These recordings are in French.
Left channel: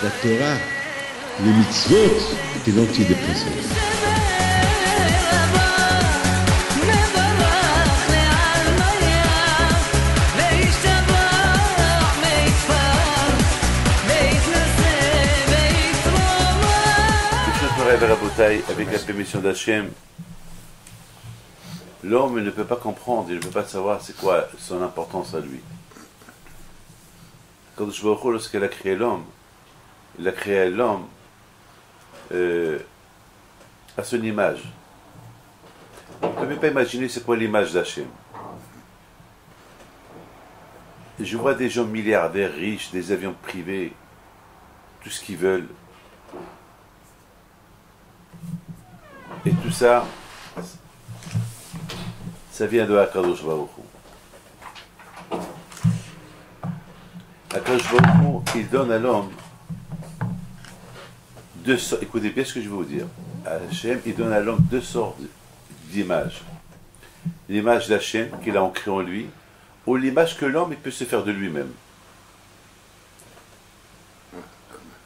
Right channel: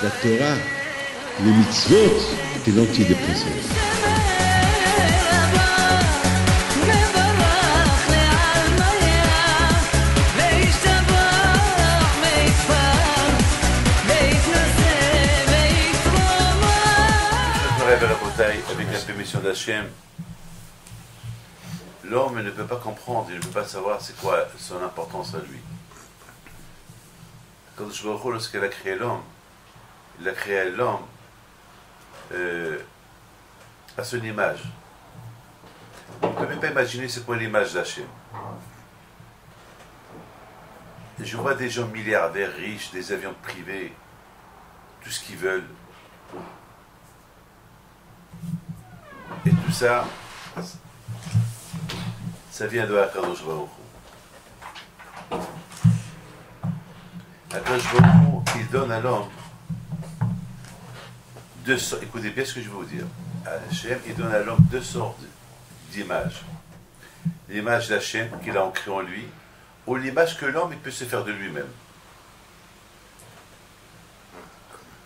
La Torah, les mitzvot, c'est l'antidépresseur. Avec la permission d'Hachem, l'homme ne peut pas comprendre, il ne peut pas savoir c'est quoi son importance à lui. Quand je vois lorsqu'il a créé l'homme, il a créé l'homme à son image. On ne peut même pas imaginer c'est quoi l'image d'Hachem. Je vois des gens milliardaires, riches, des avions privés, tout ce qu'ils veulent. Et tout ça, ça vient de Akadosh Baruch Hu. Akadosh Baruch Hu, il donne à l'homme deux sortes. Écoutez bien ce que je vais vous dire. Hachem, il donne à l'homme deux sortes d'images. L'image d'Hachem qu'il a ancrée en lui, ou l'image que l'homme il peut se faire de lui-même.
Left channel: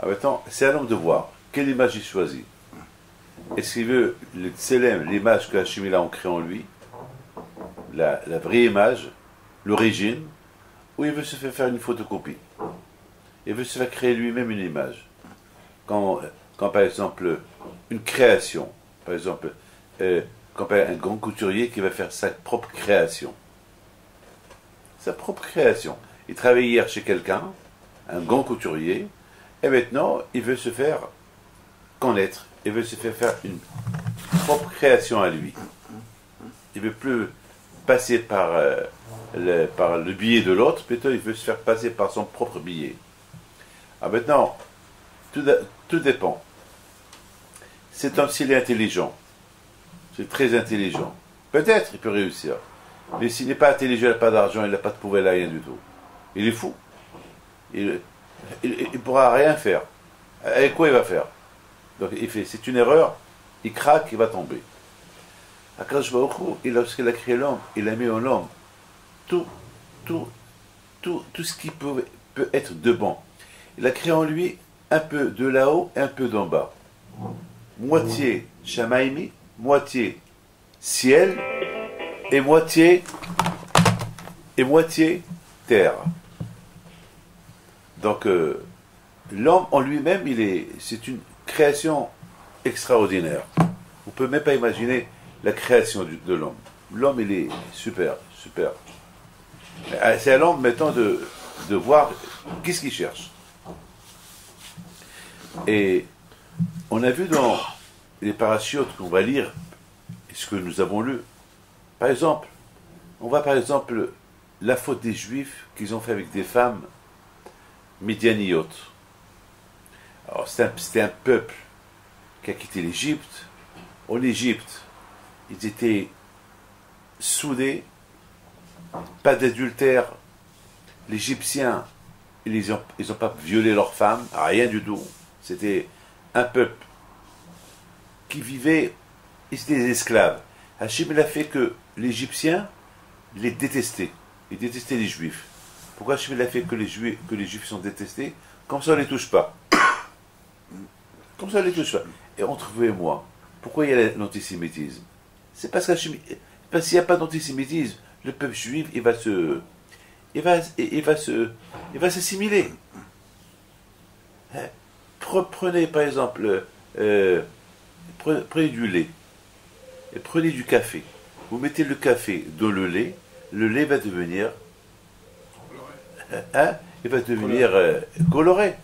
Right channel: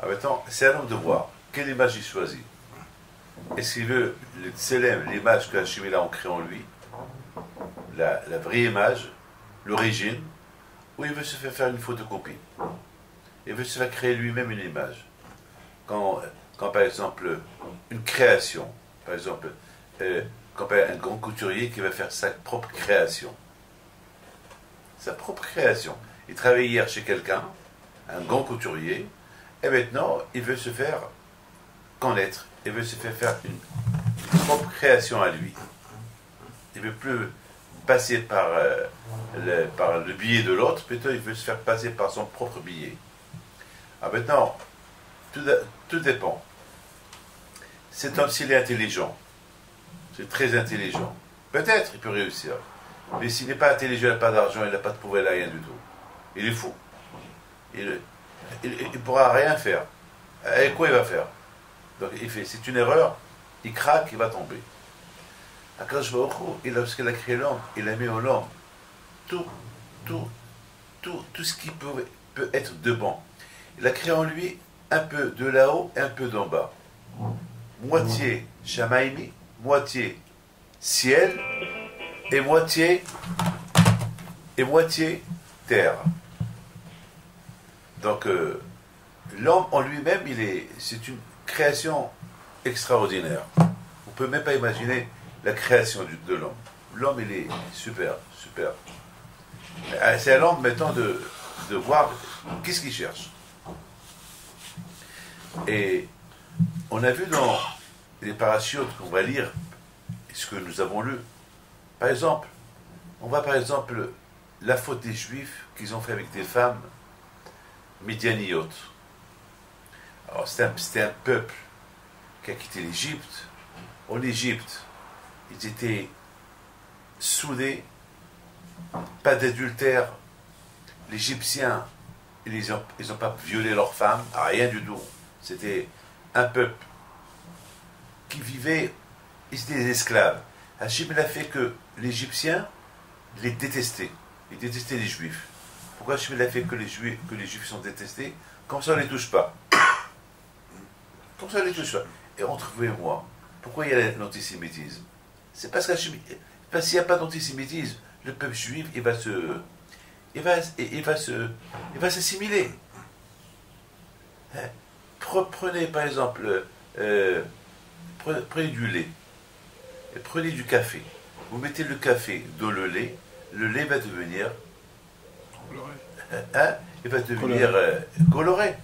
Alors maintenant, c'est à l'homme de voir quelle image il choisit. Est-ce qu'il veut le tselem, l'image que Hachem a ancrée en lui, la vraie image, l'origine, ou il veut se faire une photocopie? Il veut se faire créer lui-même une image. Quand par exemple, une création, par exemple, quand un grand couturier qui va faire sa propre création. Sa propre création. Il travaillait hier chez quelqu'un, un grand couturier, et maintenant, il veut se faire connaître. Il veut se faire une propre création à lui. Il ne veut plus passer par le billet de l'autre, plutôt il veut se faire passer par son propre billet. Alors maintenant, tout dépend. Cet homme, s'il est intelligent, c'est très intelligent, peut-être il peut réussir. Mais s'il n'est pas intelligent, il n'a pas d'argent, il n'a pas de pouvoir, rien du tout. Il est fou. Il ne pourra rien faire. Avec quoi il va faire? Donc il fait, c'est une erreur, il craque, il va tomber. Akadosh Baruch Hu, lorsqu'il a créé l'homme, il a mis en l'homme tout ce qui peut être de bon. Il a créé en lui un peu de là-haut et un peu d'en bas. Moitié Shamaïmi, moitié ciel et moitié terre. Donc l'homme en lui-même, c'est une création extraordinaire. On ne peut même pas imaginer la création de l'homme. L'homme, il est super, super. C'est à l'homme, maintenant, de voir qu'est-ce qu'il cherche. Et on a vu dans les parachutes qu'on va lire, ce que nous avons lu. Par exemple, on voit par exemple la faute des Juifs qu'ils ont fait avec des femmes midianiotes. Alors, c'était un peuple qui a quitté l'Égypte. En Égypte, ils étaient soudés, pas d'adultère. Les Égyptiens, ils n'ont pas violé leurs femmes, rien du tout. C'était un peuple qui vivait, ils étaient des esclaves. Hachem, il a fait que les Égyptiens les détestaient. Ils détestaient les Juifs. Pourquoi Hachem, il a fait que les Juifs sont détestés? Comme ça, on ne les touche pas. Comme ça, on ne les touche pas. Et entre vous et moi, pourquoi il y a l'antisémitisme? C'est parce qu'il n'y a pas d'antisémitisme, le peuple juif, il va s'assimiler. Prenez par exemple, prenez du lait, et prenez du café. Vous mettez le café dans le lait va devenir, il va devenir coloré.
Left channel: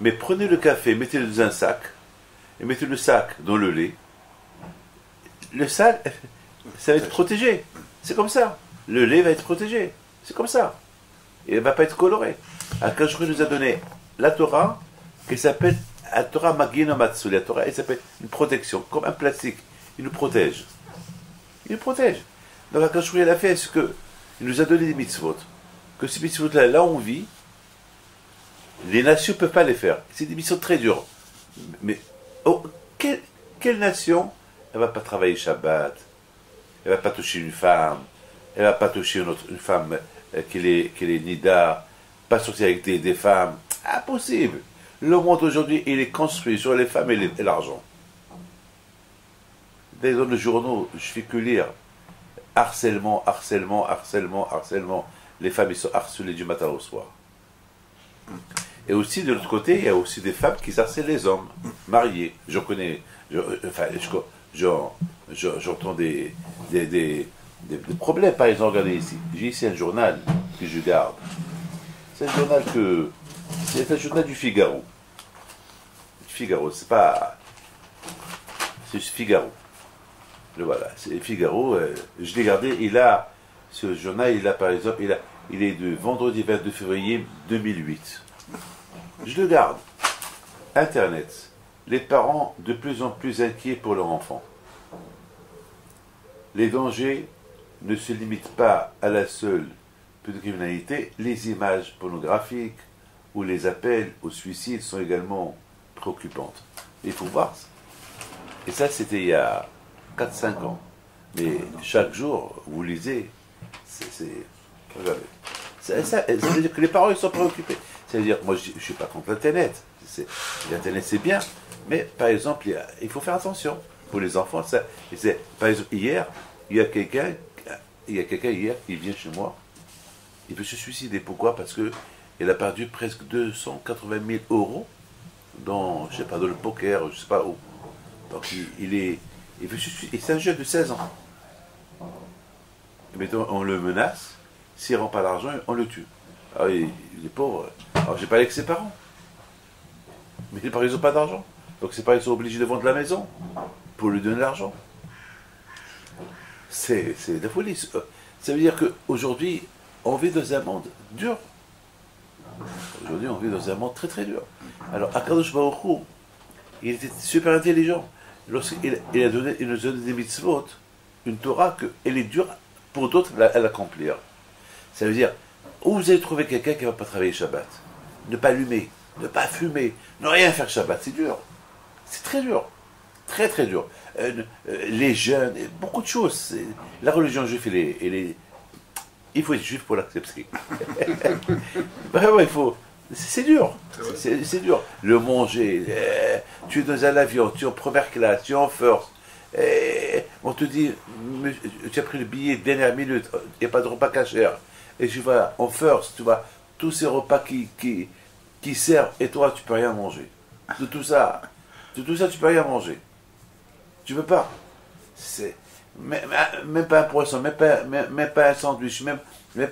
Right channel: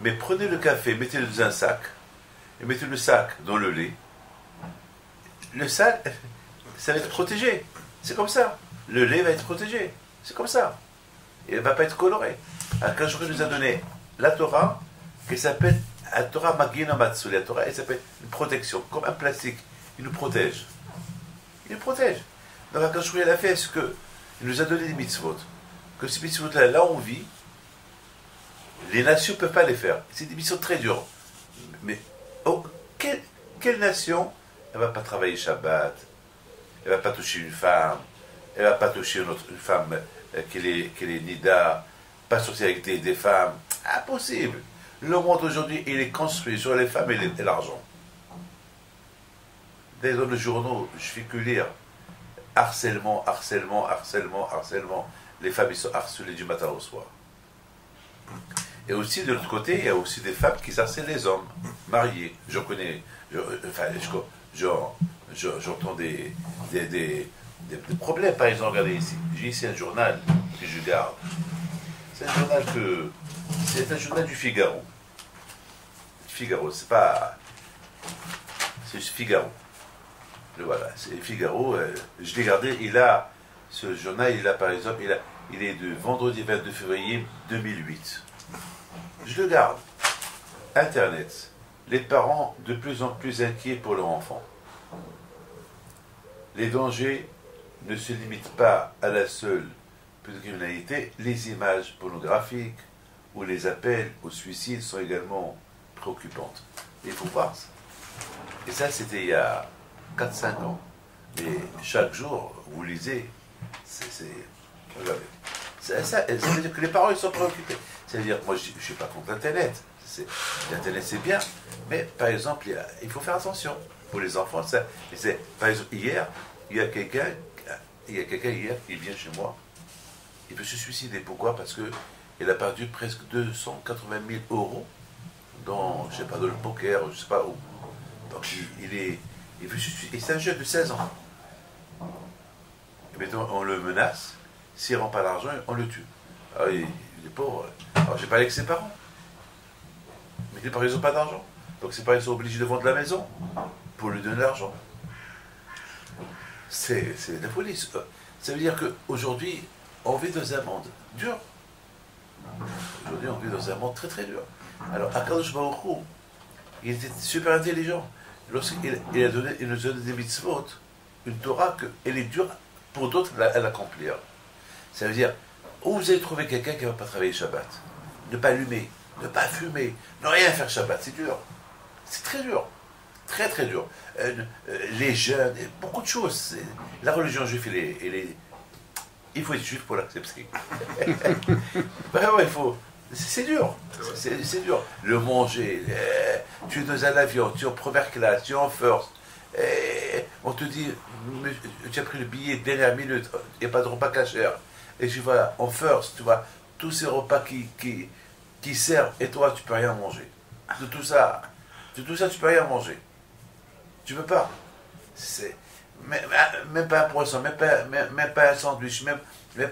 Mais prenez le café, mettez-le dans un sac, et mettez le sac dans le lait. Le sac, ça va être protégé. C'est comme ça. Le lait va être protégé. C'est comme ça. Il ne va pas être coloré. Alors, quand je nous a donné la Torah, qui s'appelle la Torah Magina Matsu, la Torah, elle s'appelle une protection, comme un plastique. Il nous protège. Il nous protège. Donc, quand je l'a fait, c'est qu'il nous a donné des mitzvot. Que ces mitzvot-là, là où on vit, les nations ne peuvent pas les faire. C'est des missions très dures. Mais quelle nation, elle ne va pas travailler Shabbat, elle ne va pas toucher une femme, elle ne va pas toucher une femme qui est nida, pas sortir avec des femmes. Impossible. Le monde aujourd'hui, il est construit sur les femmes et l'argent. Dès dans les journaux, je fais que lire harcèlement, harcèlement, harcèlement, harcèlement. Les femmes, ils sont harcelées du matin au soir. Et aussi, de l'autre côté, il y a aussi des femmes qui harcèlent les hommes, mariés. Je connais, j'entends des problèmes. Par exemple, regardez ici. J'ai ici un journal que je garde. C'est un journal du Figaro. Figaro, c'est Figaro. Le voilà, c'est Figaro. Je l'ai gardé. Ce journal, par exemple, il est de vendredi 22 février 2008. Je le garde. Internet. Les parents de plus en plus inquiets pour leur enfant. Les dangers ne se limitent pas à la seule pédocriminalité. Les images pornographiques ou les appels au suicide sont également préoccupantes. Il faut voir ça. Et ça, c'était il y a 4-5 ans. Mais chaque jour, vous lisez, regardez. Ça veut dire que les parents, ils sont préoccupés. Ça veut dire, moi, je ne suis pas contre Internet. L'Internet, c'est bien. Mais, par exemple, il faut faire attention. Pour les enfants, par exemple, hier, il y a quelqu'un hier qui vient chez moi. Il veut se suicider. Pourquoi? Parce qu'il a perdu presque 280 000 euros dans, je sais pas, dans le poker, je sais pas où. Donc, il veut se suicider. Et c'est un jeune de 16 ans. Et mettons, on le menace. S'il ne rend pas l'argent, on le tue. Alors, il est pauvre. Alors, j'ai parlé avec ses parents. Mais les parents, ils n'ont pas d'argent. Donc, ses parents, ils sont obligés de vendre la maison pour lui donner l'argent. C'est la folie. Ça veut dire qu'aujourd'hui, on vit dans un monde dur. Aujourd'hui, on vit dans un monde très très dur. Alors, Akadosh Baruch Hu, il était super intelligent. Lorsqu'il nous a donné des mitzvot, une Torah, qu'elle est dure pour d'autres à l'accomplir. Ça veut dire, où vous allez trouver quelqu'un qui ne va pas travailler Shabbat, ne pas allumer, ne pas fumer, ne rien faire Shabbat, c'est dur. C'est très dur. Très très dur. Les jeunes, beaucoup de choses. La religion juive, il faut être juif pour l'accepter. Vraiment, il faut. C'est dur. C'est dur. Le manger, tu es dans un avion, tu es en première classe, tu es en first. On te dit, tu as pris le billet dernière minute, il n'y a pas de repas cachère. Et tu vas en first, tu vois, tous ces repas qui servent, et toi, tu ne peux rien manger. De tout ça, tu ne peux rien manger. Tu ne peux pas. Même pas un poisson, même pas un sandwich, même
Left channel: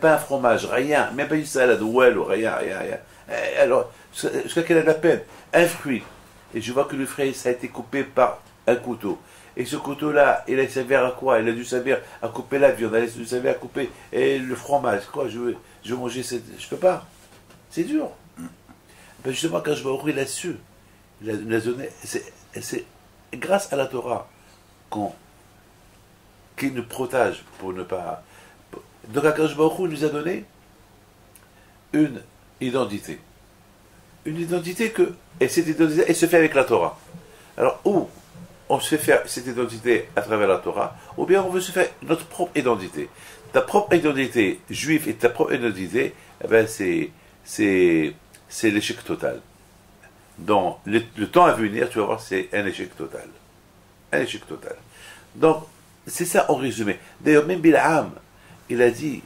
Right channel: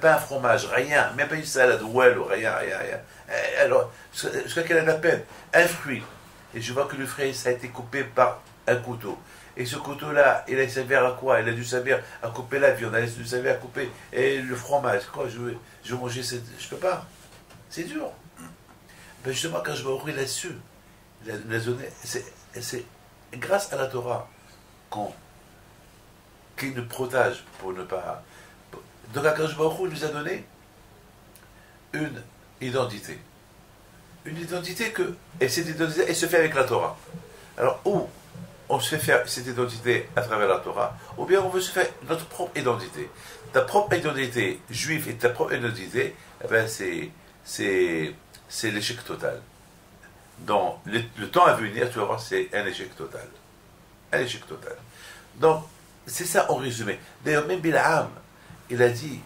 pas un fromage, rien, même pas une salade, ou rien. Alors, jusqu'à quelle est la peine? Un fruit. Et je vois que le fruit, ça a été coupé par un couteau. Et ce couteau-là, il a servi à quoi? Il a dû servir à couper la viande, il a dû servir à couper le fromage. Quoi, je vais manger je peux pas. C'est dur. Ben justement, quand je vais ouvrir là-dessus, c'est grâce à la Torah qui nous protège pour ne pas. Donc, Akadosh Baruch Hu nous a donné une identité. Une identité et cette identité, elle se fait avec la Torah. Alors, ou on se fait faire cette identité à travers la Torah, ou bien on veut se faire notre propre identité. Ta propre identité juive et ta propre identité, eh ben c'est l'échec total. Dans le temps à venir, tu vas voir, c'est un échec total. Un échec total. Donc, c'est ça en résumé. D'ailleurs, même Bil'am, il a dit,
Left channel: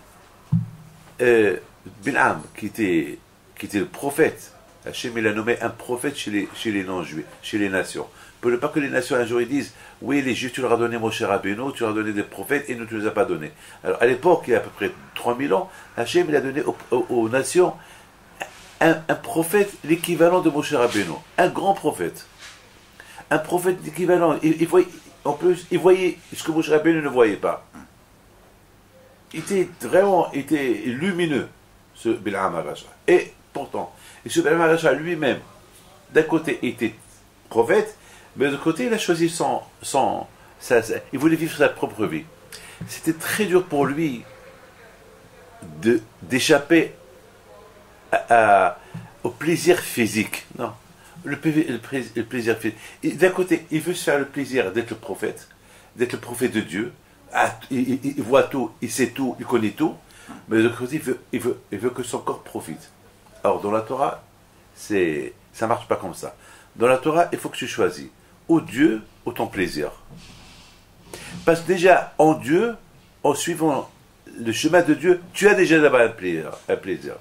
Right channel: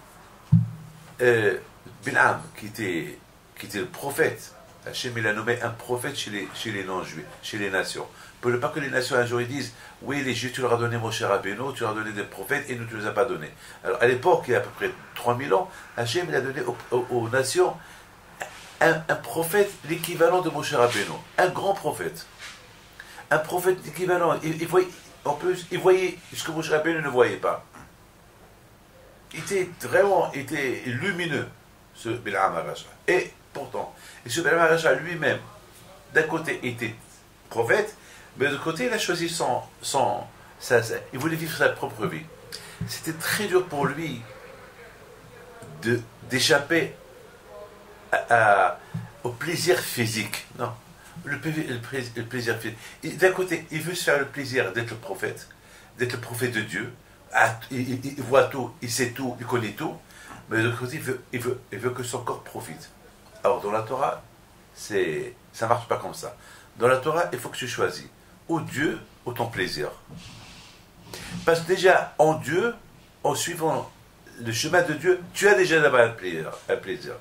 Bil'am, qui était le prophète, Hachem, il a nommé un prophète chez les non-juifs, chez les nations. Pour ne pas que les nations un jour ils disent, oui, les juifs, tu leur as donné Moshe Rabbeinu, tu leur as donné des prophètes, et nous, tu ne les as pas donnés. Alors, à l'époque, il y a à peu près 3000 ans, Hachem, il a donné aux nations un prophète, l'équivalent de Moshe Rabbeinu. Un grand prophète. Un prophète équivalent. En plus, il voyait ce que Moshe Rabbeinu ne voyait pas. Il était lumineux, ce Bil'am HaRasha. Et pourtant, ce Bil'am HaRasha lui-même, d'un côté, était prophète, mais de l'autre côté, il a choisi il voulait vivre sa propre vie. C'était très dur pour lui d'échapper au plaisir physique. Non. Le plaisir physique. D'un côté, il veut se faire le plaisir d'être le prophète de Dieu. Il voit tout, il sait tout, il connaît tout. Mais de l'autre côté, il veut que son corps profite. Alors, dans la Torah, Ça marche pas comme ça. Dans la Torah, il faut que tu choisis ou Dieu ou ton plaisir. Parce que déjà, en Dieu, en suivant le chemin de Dieu, tu as déjà là-bas un plaisir.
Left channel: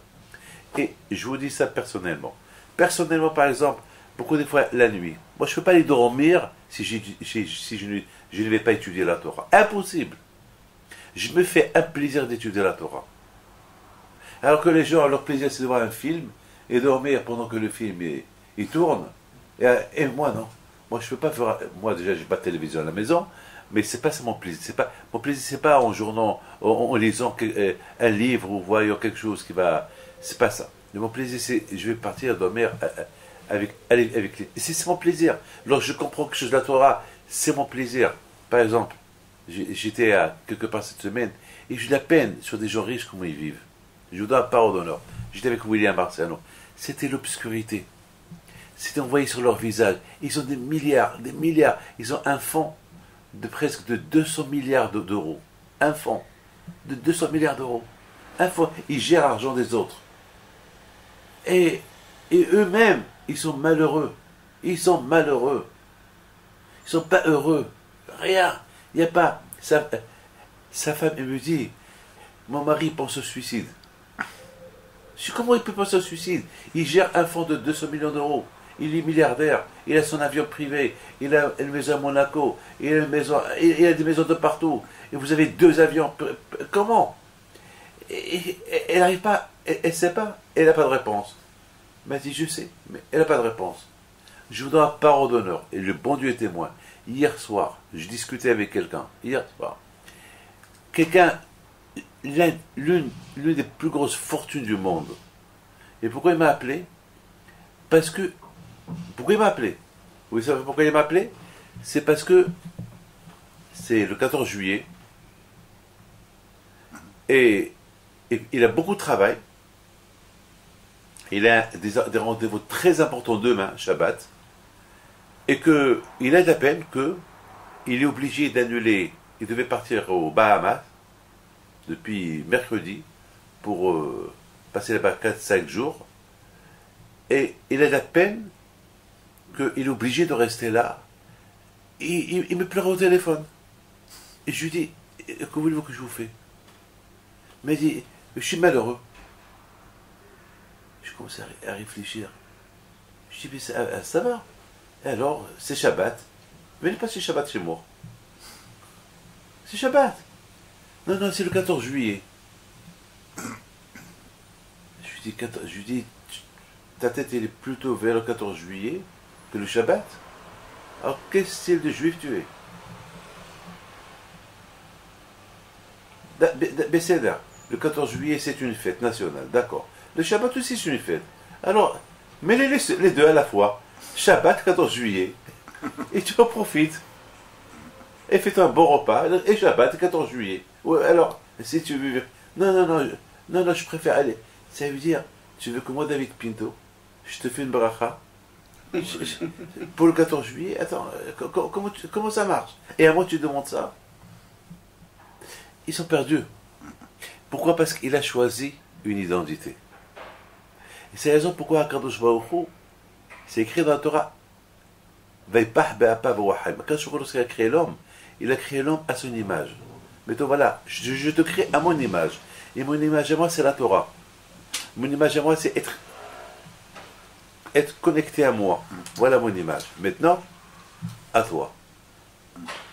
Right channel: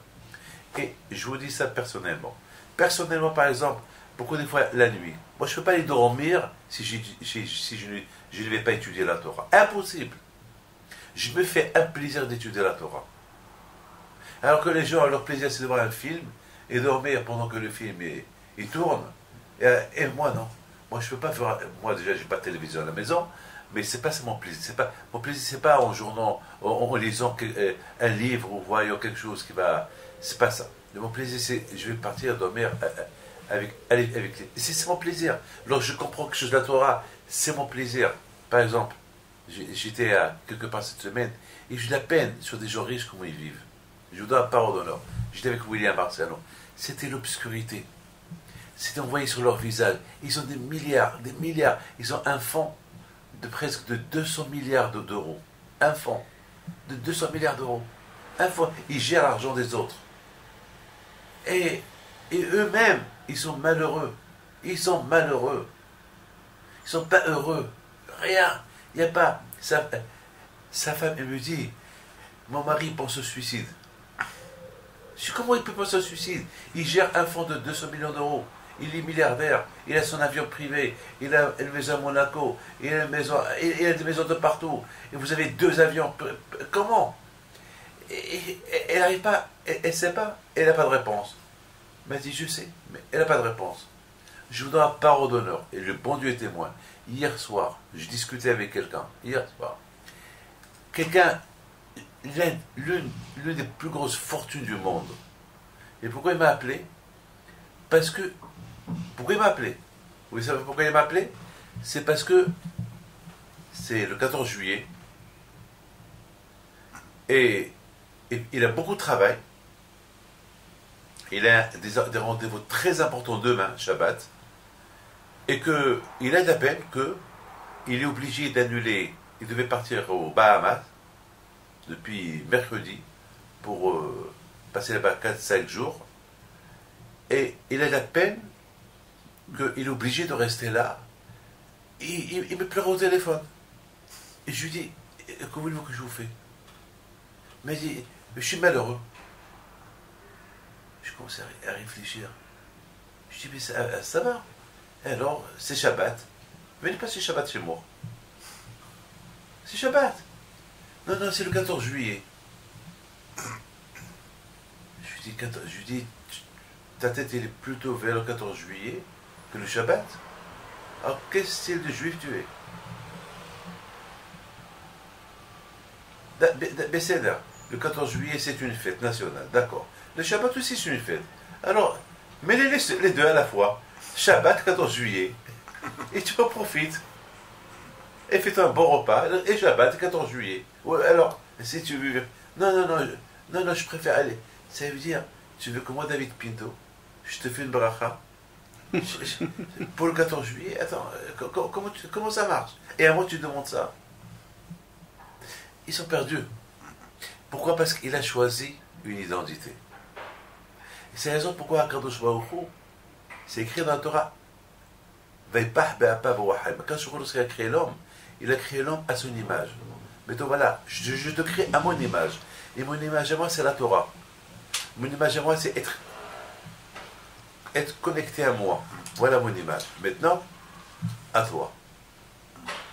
Et je vous dis ça personnellement. Personnellement, par exemple, beaucoup des fois, la nuit, moi je ne peux pas aller dormir si je ne vais pas étudier la Torah. Impossible. Je me fais un plaisir d'étudier la Torah. Alors que les gens, leur plaisir, c'est de voir un film et dormir pendant que le film il tourne. Et moi, non. Moi, je peux pas faire. Moi, déjà, j'ai pas de télévision à la maison, mais c'est pas ça mon plaisir. Mon plaisir, c'est pas en journant, en lisant un livre ou voyant quelque chose qui va. C'est pas ça. Mais mon plaisir, c'est je vais partir dormir avec les. C'est mon plaisir. Lorsque je comprends quelque chose de la Torah, c'est mon plaisir. Par exemple, j'étais à quelque part cette semaine et j'ai de la peine sur des gens riches comment ils vivent. Je vous donne la parole d'honneur. J'étais avec William Marciano. C'était l'obscurité. C'était envoyé sur leur visage. Ils ont des milliards. Ils ont un fonds de presque de 200 milliards d'euros. Un fonds de 200 milliards d'euros. Un fonds. Ils gèrent l'argent des autres. Et eux-mêmes, ils sont malheureux. Ils sont malheureux. Ils sont pas heureux. Rien. Il n'y a pas. Sa femme, elle me dit, mon mari pense au suicide. Je dis, comment il peut penser au suicide? Il gère un fonds de 200 millions d'euros. Il est milliardaire. Il a son avion privé. Il a une maison à Monaco. Il a des maisons de partout. Et vous avez 2 avions. Comment? Elle n'arrive pas. Elle ne sait pas. Elle n'a pas de réponse. Elle m'a dit, je sais, mais elle n'a pas de réponse. Je vous donne la parole d'honneur. Et le bon Dieu est témoin. Hier soir, je discutais avec quelqu'un. Hier soir. Quelqu'un, l'une des plus grosses fortunes du monde. Et pourquoi il m'a appelé? Parce que. Pourquoi il m'a appelé? Vous savez pourquoi il m'a appelé? C'est parce que c'est le 14 juillet. Et il a beaucoup de travail. Il a des rendez-vous très importants demain, Shabbat. Et qu'il a de la peine qu'il est obligé d'annuler. Il devait partir aux Bahamas depuis mercredi pour passer là-bas 4-5 jours. Et il a de la peine qu'il est obligé de rester là. Il me pleure au téléphone. Et je lui dis, que voulez-vous que je vous fais? Il m'a dit, je suis malheureux. Je commence à réfléchir. Je dis, mais ça va. Et alors, c'est Shabbat. Venez passer Shabbat chez moi. C'est Shabbat. Non, c'est le 14 juillet. Je lui dis, ta tête elle est plutôt vers le 14 juillet que le Shabbat. Alors, quel style de juif tu es? Besséder, le 14 juillet c'est une fête nationale, d'accord. Le Shabbat aussi c'est une fête. Alors, mets les deux à la fois. Shabbat, 14 juillet. Et tu en profites. Et fais-toi un bon repas. Et Shabbat, 14 juillet. Ouais, alors, si tu veux. Non, je préfère aller. Ça veut dire, tu veux que moi, David Pinto, je te fais une bracha pour le 14 juillet? Attends, comment ça marche? Et à moi, tu demandes ça? Ils sont perdus. Pourquoi? Parce qu'il a choisi une identité. Et c'est la raison pourquoi Akadosh Baruch Hu, c'est écrit dans la Torah, quand il a créé l'homme, il a créé l'homme à son image. Mais toi, voilà, je te crée à mon image. Et mon image à moi, c'est la Torah. Mon image à moi, c'est être connecté à moi. Voilà mon image. Maintenant, à toi.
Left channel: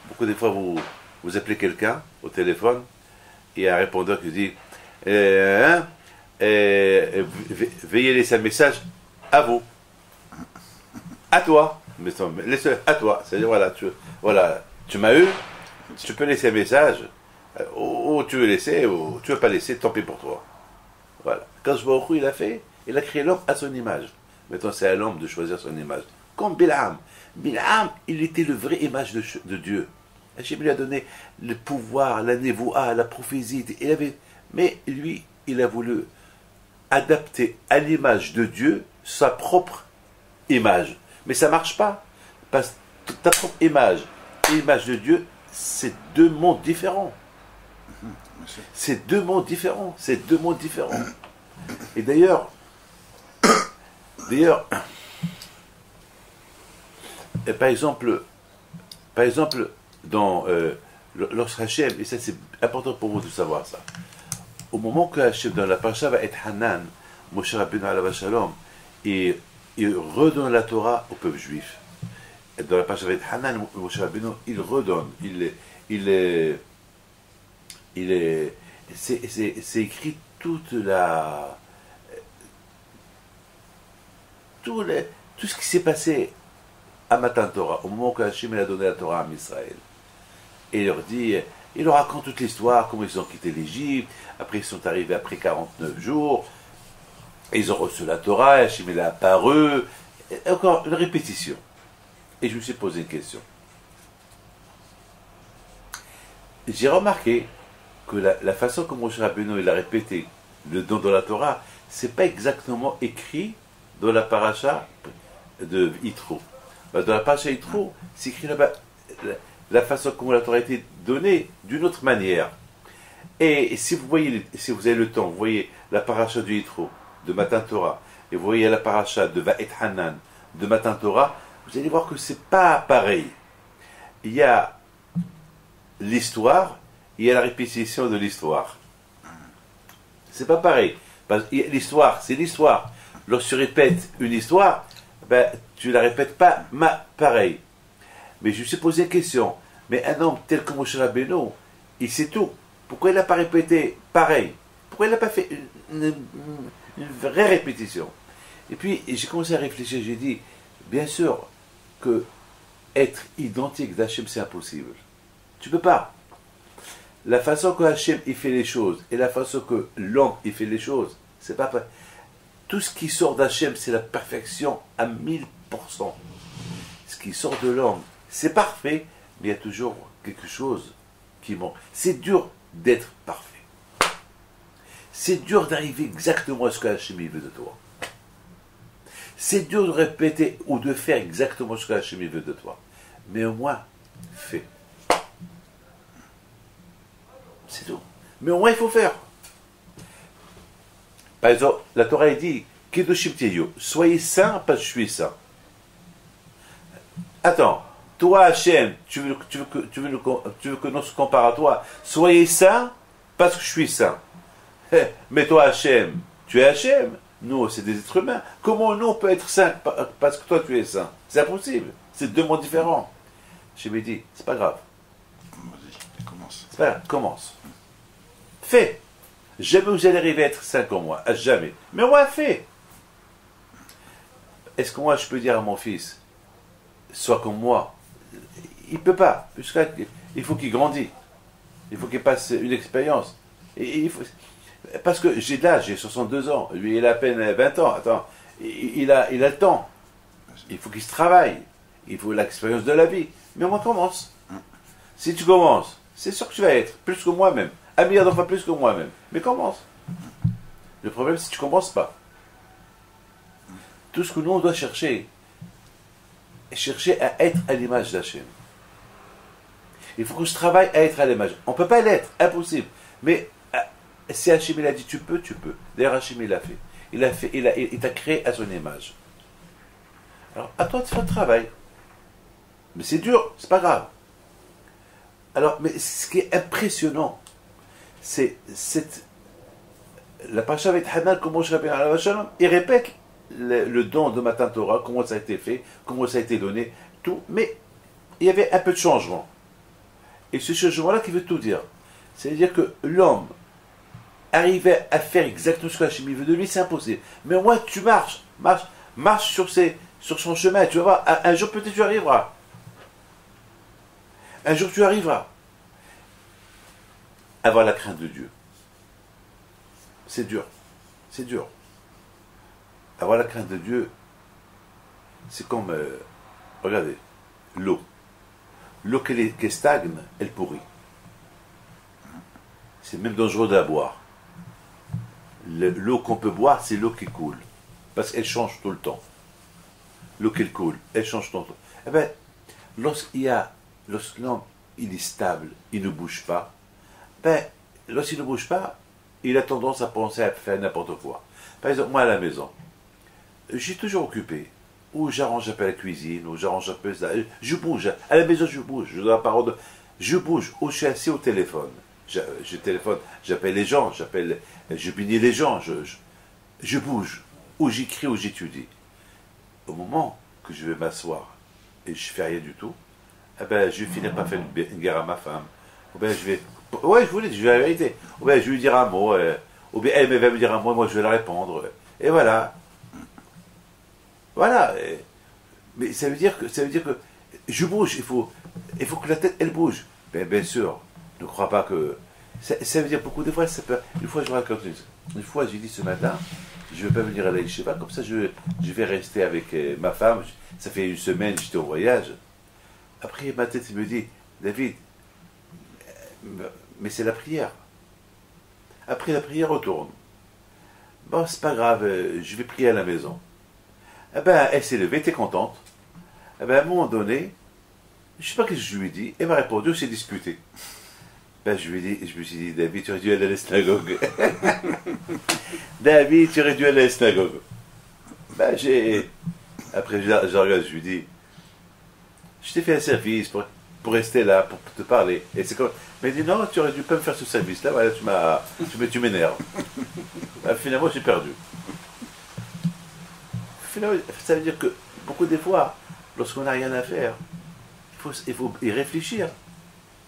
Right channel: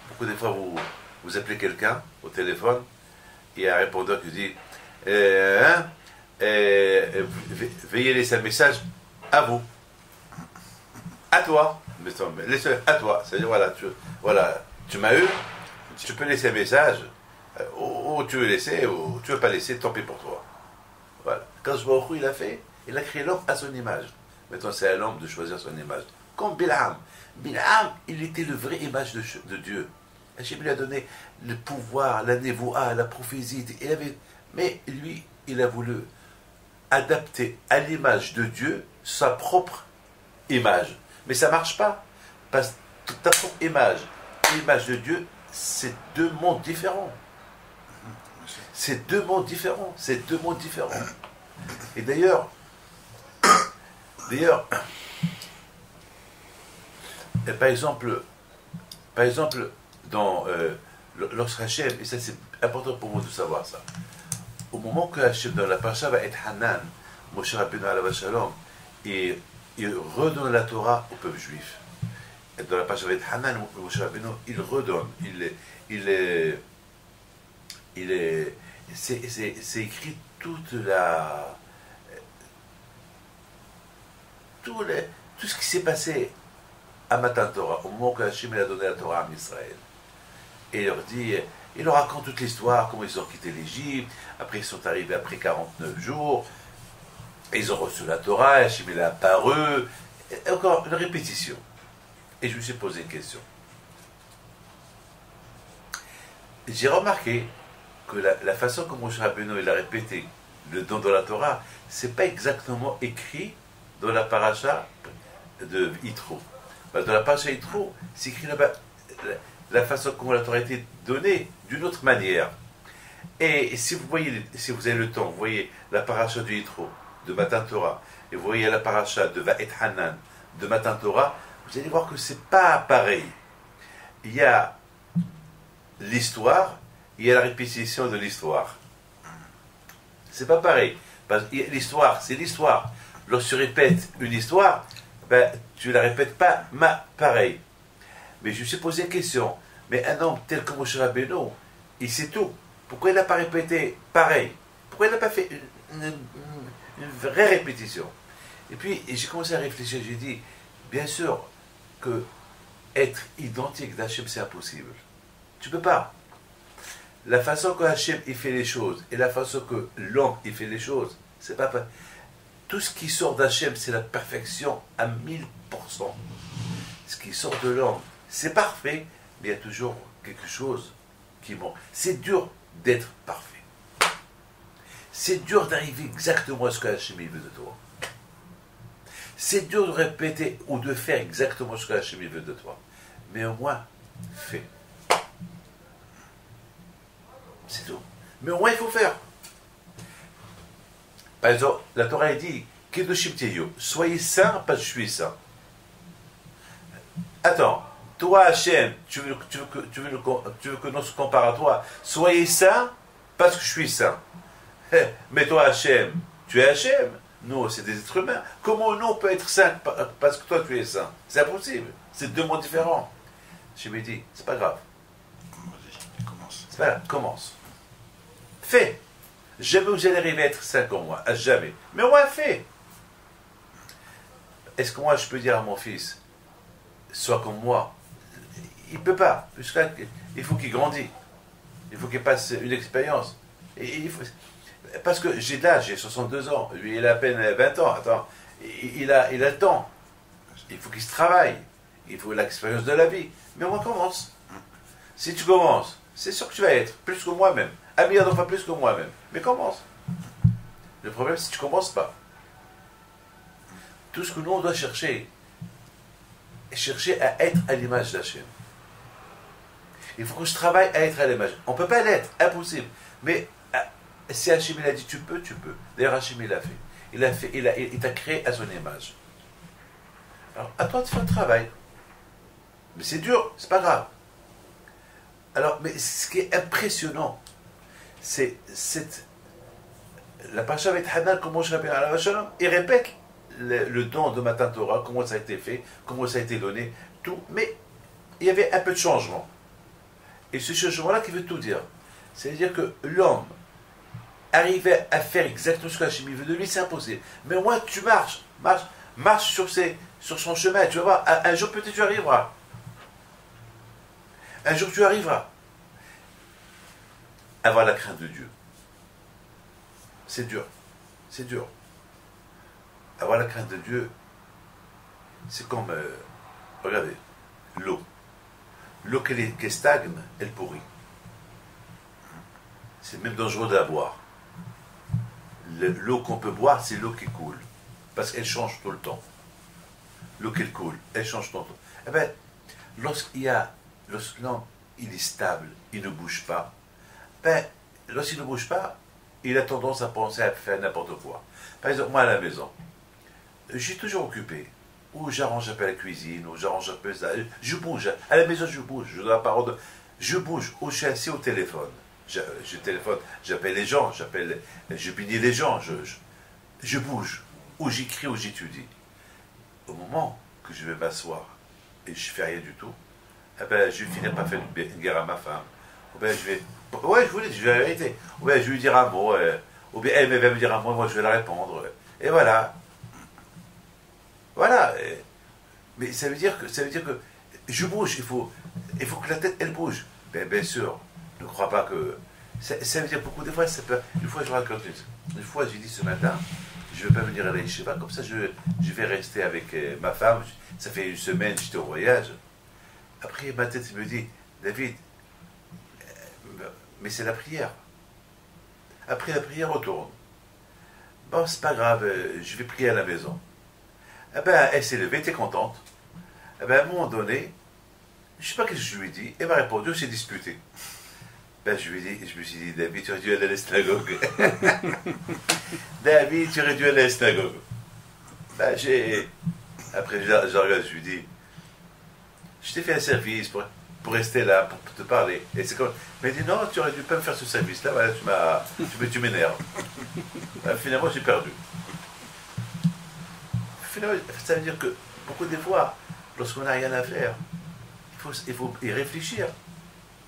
Beaucoup de fois, vous appelez quelqu'un au téléphone, et il y a un répondeur qui dit veuillez laisser un message à vous. À toi. À toi. C'est-à-dire, voilà, tu m'as eu, tu peux laisser un message, ou tu veux laisser, ou tu veux pas laisser, tant pis pour toi. Voilà. Quand je vois au il a créé l'homme à son image. Maintenant, c'est à l'homme de choisir son image. Comme Bilam. Bilam, il était le vrai image de Dieu. Hachem lui a donné le pouvoir, la névoa, la prophétie. Mais lui, il a voulu adapter à l'image de Dieu sa propre image. Mais ça ne marche pas. Parce que ta propre image et l'image de Dieu, c'est 2 mondes différents. C'est 2 mondes différents. Et d'ailleurs, D'ailleurs, par exemple, dans lorsque Hachem, et ça c'est important pour vous de savoir ça, au moment que Hachem, dans la paracha va être Hanan, Moshe Rabbeinu alav shalom, et il redonne la Torah au peuple juif. Et dans la paracha va être Hanan, Moshe Rabbeinu, il redonne, c'est écrit tout ce qui s'est passé à Matan Torah, au moment que Hachem a donné la Torah à Israël. Et il leur dit, il leur raconte toute l'histoire, comment ils ont quitté l'Égypte, après ils sont arrivés après 49 jours, et ils ont reçu la Torah, Hachem est apparu, et encore une répétition. Et je me suis posé une question. J'ai remarqué que la façon comme Moshe Rabbeinu il a répété le don de la Torah, c'est pas exactement écrit dans la paracha de Yitro. Dans la paracha Yitro, c'est écrit là-bas la façon comment la Torah a été donnée d'une autre manière. Et si vous voyez, si vous avez le temps, vous voyez la paracha de Yitro, de Matan Torah, et vous voyez la paracha de Va'et Hanan, de Matan Torah, vous allez voir que c'est pas pareil. Il y a l'histoire, il y a la répétition de l'histoire. C'est pas pareil. L'histoire, c'est l'histoire. Lorsque tu répètes une histoire, ben, tu la répètes pas pareil. Mais je me suis posé la question, mais un homme tel que Moshe Rabbeinu, il sait tout. Pourquoi il n'a pas répété pareil? Pourquoi il n'a pas fait une vraie répétition? Et puis, j'ai commencé à réfléchir, j'ai dit, bien sûr que être identique d'Hachem, c'est impossible. Tu ne peux pas. La façon que Hachem il fait les choses et la façon que l'homme il fait les choses, c'est pas pareil. Tout ce qui sort d'Hachem, c'est la perfection à 1000%. Ce qui sort de l'homme, c'est parfait, mais il y a toujours quelque chose qui manque. C'est dur d'être parfait. C'est dur d'arriver exactement à ce que Hachem veut de toi. C'est dur de répéter ou de faire exactement ce que Hachem veut de toi. Mais au moins, fais. C'est tout. Mais au moins, il faut faire. Par exemple, la Torah dit Kedoshim Tiyo, soyez saints parce que je suis saint. Attends, toi, Hachem, tu veux que l'on se compare à toi, soyez saints parce que je suis saint. Mais toi, Hachem, tu es Hachem. Nous, c'est des êtres humains. Comment nous, on peut être saints parce que toi, tu es saint? C'est impossible. C'est deux mondes différents. Je me dis, c'est pas grave. C'est pas grave, commence. Fais. Jamais vous allez arriver à être saint comme moi. Jamais. Mais moi, fais. Est-ce que moi, je peux dire à mon fils, sois comme moi? Il ne peut pas. Il faut qu'il grandisse. Il faut qu'il passe une expérience. Parce que j'ai de l'âge, j'ai 62 ans. Lui, il a à peine 20 ans. Attends, il a le temps. Il faut qu'il se travaille. Il faut l'expérience de la vie. Mais moi, commence. Si tu commences, c'est sûr que tu vas être plus que moi-même. Un milliard de fois plus que moi-même. Mais commence. Le problème, c'est que tu ne commences pas. Tout ce que nous, on doit chercher à être à l'image d'Hachem. Il faut que je travaille à être à l'image. On ne peut pas l'être, impossible. Mais si Hachem il a dit tu peux, tu peux. D'ailleurs, Hachem il l'a fait. Il t'a créé à son image. Alors, à toi de faire le travail. Mais c'est dur, c'est pas grave. Alors, mais ce qui est impressionnant, c'est la paracha avec Hanan, comment je répète à la Shalom, il répète le don de Matan Torah, comment ça a été fait, comment ça a été donné, tout, mais il y avait un peu de changement. Et ce changement-là qui veut tout dire. C'est-à-dire que l'homme arriver à faire exactement ce que Hachem veut de lui, c'est impossible. Mais au moins, tu marches sur son chemin. Tu vas voir, un jour peut-être tu arriveras. Un jour tu arriveras. Avoir la crainte de Dieu. C'est dur. C'est dur. Avoir la crainte de Dieu, c'est comme, regardez, l'eau. L'eau qui stagne, elle pourrit. C'est même dangereux de la boire. L'eau qu'on peut boire, c'est l'eau qui coule. Parce qu'elle change tout le temps. L'eau qui coule, elle change tout le temps. Eh bien, lorsque l'homme il est stable, il ne bouge pas, ben, lorsqu'il ne bouge pas, il a tendance à penser à faire n'importe quoi. Par exemple, moi à la maison, je suis toujours occupé. Ou j'arrange un peu la cuisine, ou j'arrange un peu ça. Je bouge. À la maison, je bouge. Je dois la parole. Je bouge. Ou je suis assis au téléphone. Je téléphone, j'appelle les gens, je bénis les gens. Je bouge. Ou j'écris, ou j'étudie. Au moment que je vais m'asseoir et je fais rien du tout, eh ben, je vais finir par faire une guerre à ma femme. Ou bien je vais. Ouais, je vous l'ai dit, je vais la vérité. Ou bien je vais lui dire un mot. Ou bien elle va me dire un mot, et moi je vais la répondre. Et voilà. Voilà. Mais ça veut dire que je bouge. Il faut que la tête, elle bouge. Bien sûr, ne crois pas que. Ça veut dire beaucoup de fois, ça peut. Une fois, je raconte. Une fois, j'ai dit ce matin, je ne vais pas venir à la yeshiva, comme ça, je vais rester avec ma femme. Ça fait une semaine, j'étais au voyage. Après, ma tête me dit, David, mais c'est la prière. Après la prière, retourne. Bon, c'est pas grave, je vais prier à la maison. Eh ben, elle s'est levée, t'es contente. Eh ben, à un moment donné, je ne sais pas ce que je lui ai dit, elle m'a répondu, on s'est disputé. Ben, je me suis dit, David, tu aurais dû aller à la synagogue. David, tu aurais dû aller à la synagogue. Ben, après, je regarde, je lui dis, je t'ai fait un service pour rester là, pour te parler. Et c'est comme, mais dis non, tu aurais dû pas me faire ce service-là, voilà, tu m'énerves. Ben, finalement, j'ai perdu. Finalement, ça veut dire que, beaucoup des fois, lorsqu'on n'a rien à faire, il faut y réfléchir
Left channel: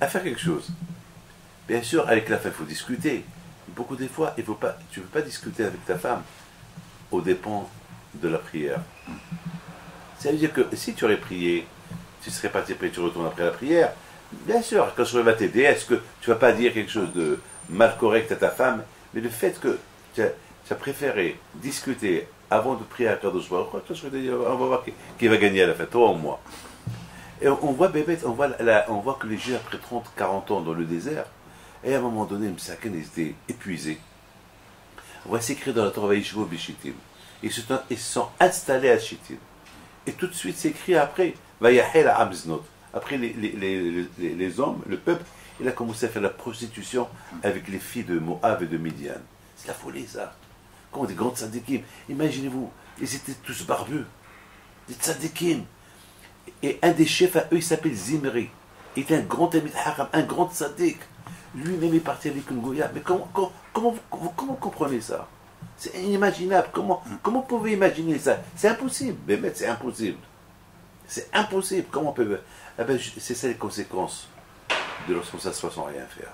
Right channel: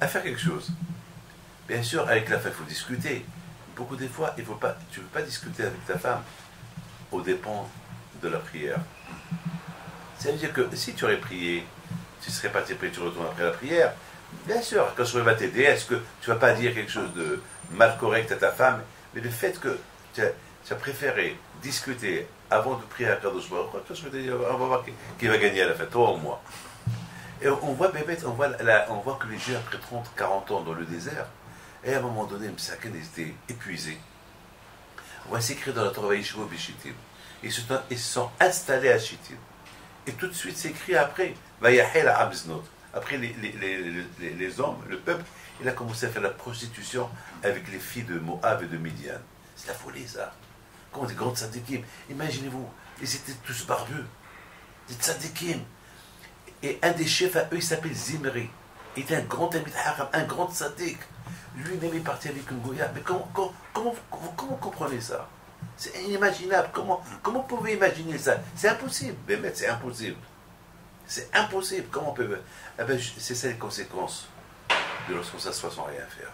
à faire quelque chose. Bien sûr, avec la femme, il faut discuter. Beaucoup des fois, tu ne peux pas discuter avec ta femme aux dépens de la prière. Ça veut dire que si tu aurais prié, tu serais parti prier, tu retournes après la prière. Bien sûr, quand je va t'aider, est-ce que tu ne vas pas dire quelque chose de mal correct à ta femme? Mais le fait que tu as préféré discuter avant de prier à Kadosh Baruch Hu, on va voir qui va gagner à la fin, toi ou moi. Et on voit que les gens, après 30, 40 ans dans le désert, et à un moment donné, les Msaken étaient épuisés. On voit s'écrire dans la Torah Yeshivo Bishittim. Ils se sont installés à Shittim. Et tout de suite, c'est écrit après, Vayahel à Amznot. Après, les hommes, le peuple, il a commencé à faire la prostitution avec les filles de Moab et de Midian. C'est la folie, ça. Comme des grands tzadikim. Imaginez-vous, ils étaient tous barbus. Des tzadikim. Et un des chefs à eux, il s'appelle Zimri. Il était un grand ami de Haram, un grand tzadik. Lui-même est parti avec une goya. Mais comment vous comprenez ça? C'est inimaginable. Comment vous pouvez imaginer ça? C'est impossible. Mais c'est impossible. C'est impossible. Comment on peut... Eh ben, c'est ça les conséquences de lorsqu'on s'assoit sans rien faire.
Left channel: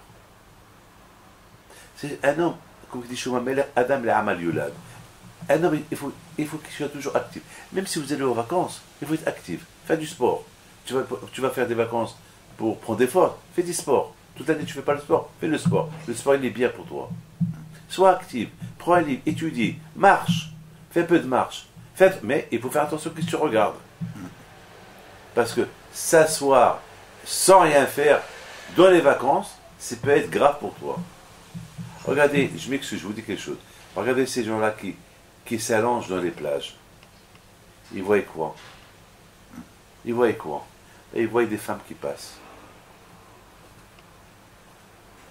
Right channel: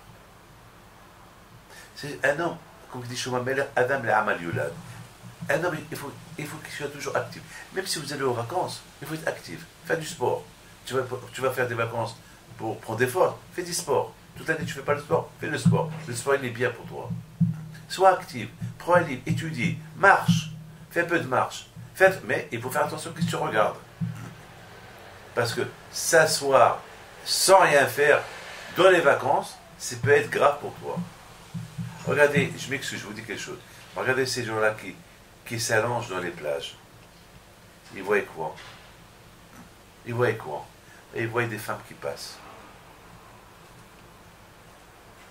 C'est un homme, comme dit Shlomo Ameler, Adam le Amal Yulad. Un homme, il faut qu'il soit toujours actif. Même si vous allez aux vacances, il faut être actif. Faire du sport. Tu vas faire des vacances pour prendre des forces. Fais du sport. Toute l'année, tu ne fais pas le sport. Fais le sport. Le sport, il est bien pour toi. Sois actif. Prends un livre. Étudie. Marche. Fais un peu de marche. Mais il faut faire attention à ce que tu regardes. Parce que s'asseoir sans rien faire dans les vacances, ça peut être grave pour toi. Regardez, je m'excuse, je vous dis quelque chose. Regardez ces gens-là qui s'allongent dans les plages. Ils voient quoi? Ils voient quoi? Et ils voient des femmes qui passent.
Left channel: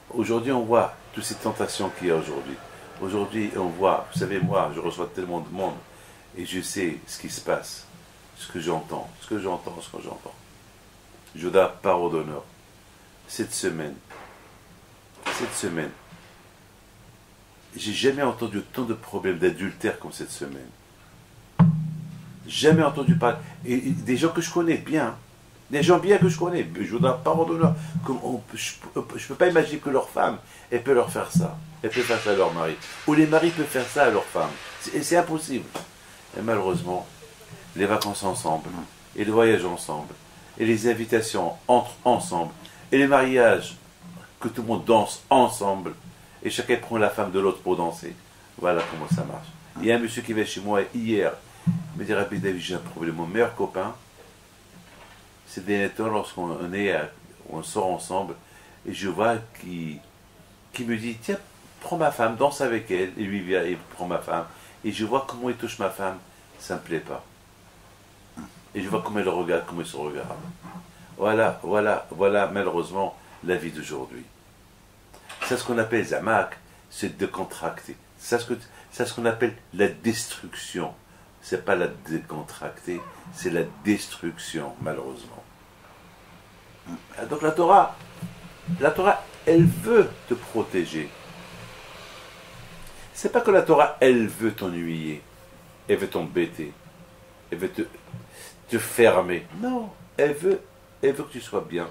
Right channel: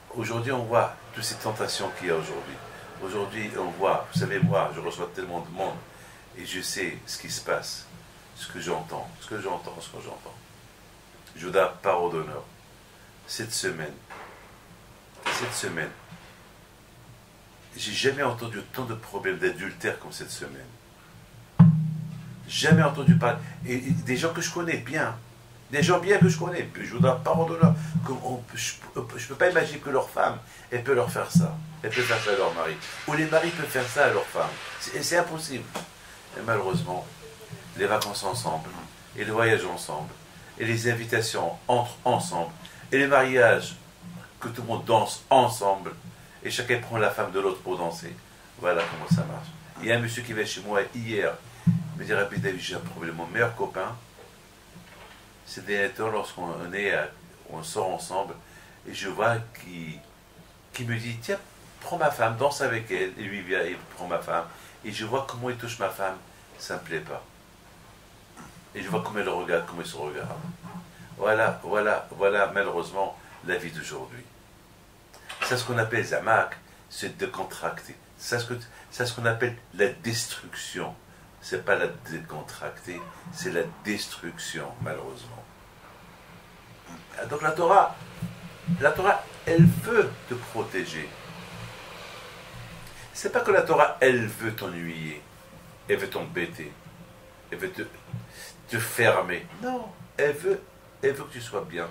Aujourd'hui, on voit toutes ces tentations qu'il y a aujourd'hui. Aujourd'hui, on voit, vous savez, moi, je reçois tellement de monde et je sais ce qui se passe, ce que j'entends. Je vous donne parole d'honneur. Cette semaine, j'ai jamais entendu tant de problèmes d'adultère comme cette semaine. Jamais entendu parler. Et des gens que je connais bien. Des gens bien que je connais. Je vous donne parole d'honneur. Je ne peux pas imaginer que leur femme, elle peut leur faire ça. Elle peut faire ça à leur mari. Ou les maris peuvent faire ça à leur femme. C'est impossible. Et malheureusement, les vacances ensemble, et les voyages ensemble, et les invitations entrent ensemble, et les mariages, que tout le monde danse ensemble, et chacun prend la femme de l'autre pour danser. Voilà comment ça marche. Il y a un monsieur qui vient chez moi hier, il me dit, Rabbi David, j'ai un problème. Mon meilleur copain, c'est des temps lorsqu'on on sort ensemble, et je vois qu'il me dit, tiens, prends ma femme, danse avec elle, et lui vient, il prend ma femme, et je vois comment il touche ma femme, ça ne me plaît pas. Et je vois comment il le regarde, comment il se regarde. Voilà, malheureusement, la vie d'aujourd'hui. C'est ce qu'on appelle Zamak, c'est décontracté. C'est ce qu'on appelle la destruction. c'est pas la décontracter, c'est la destruction, malheureusement. Donc la Torah, elle veut te protéger. C'est pas que la Torah, elle veut t'ennuyer, elle veut t'embêter, elle veut te fermer. Non, elle veut que tu sois bien,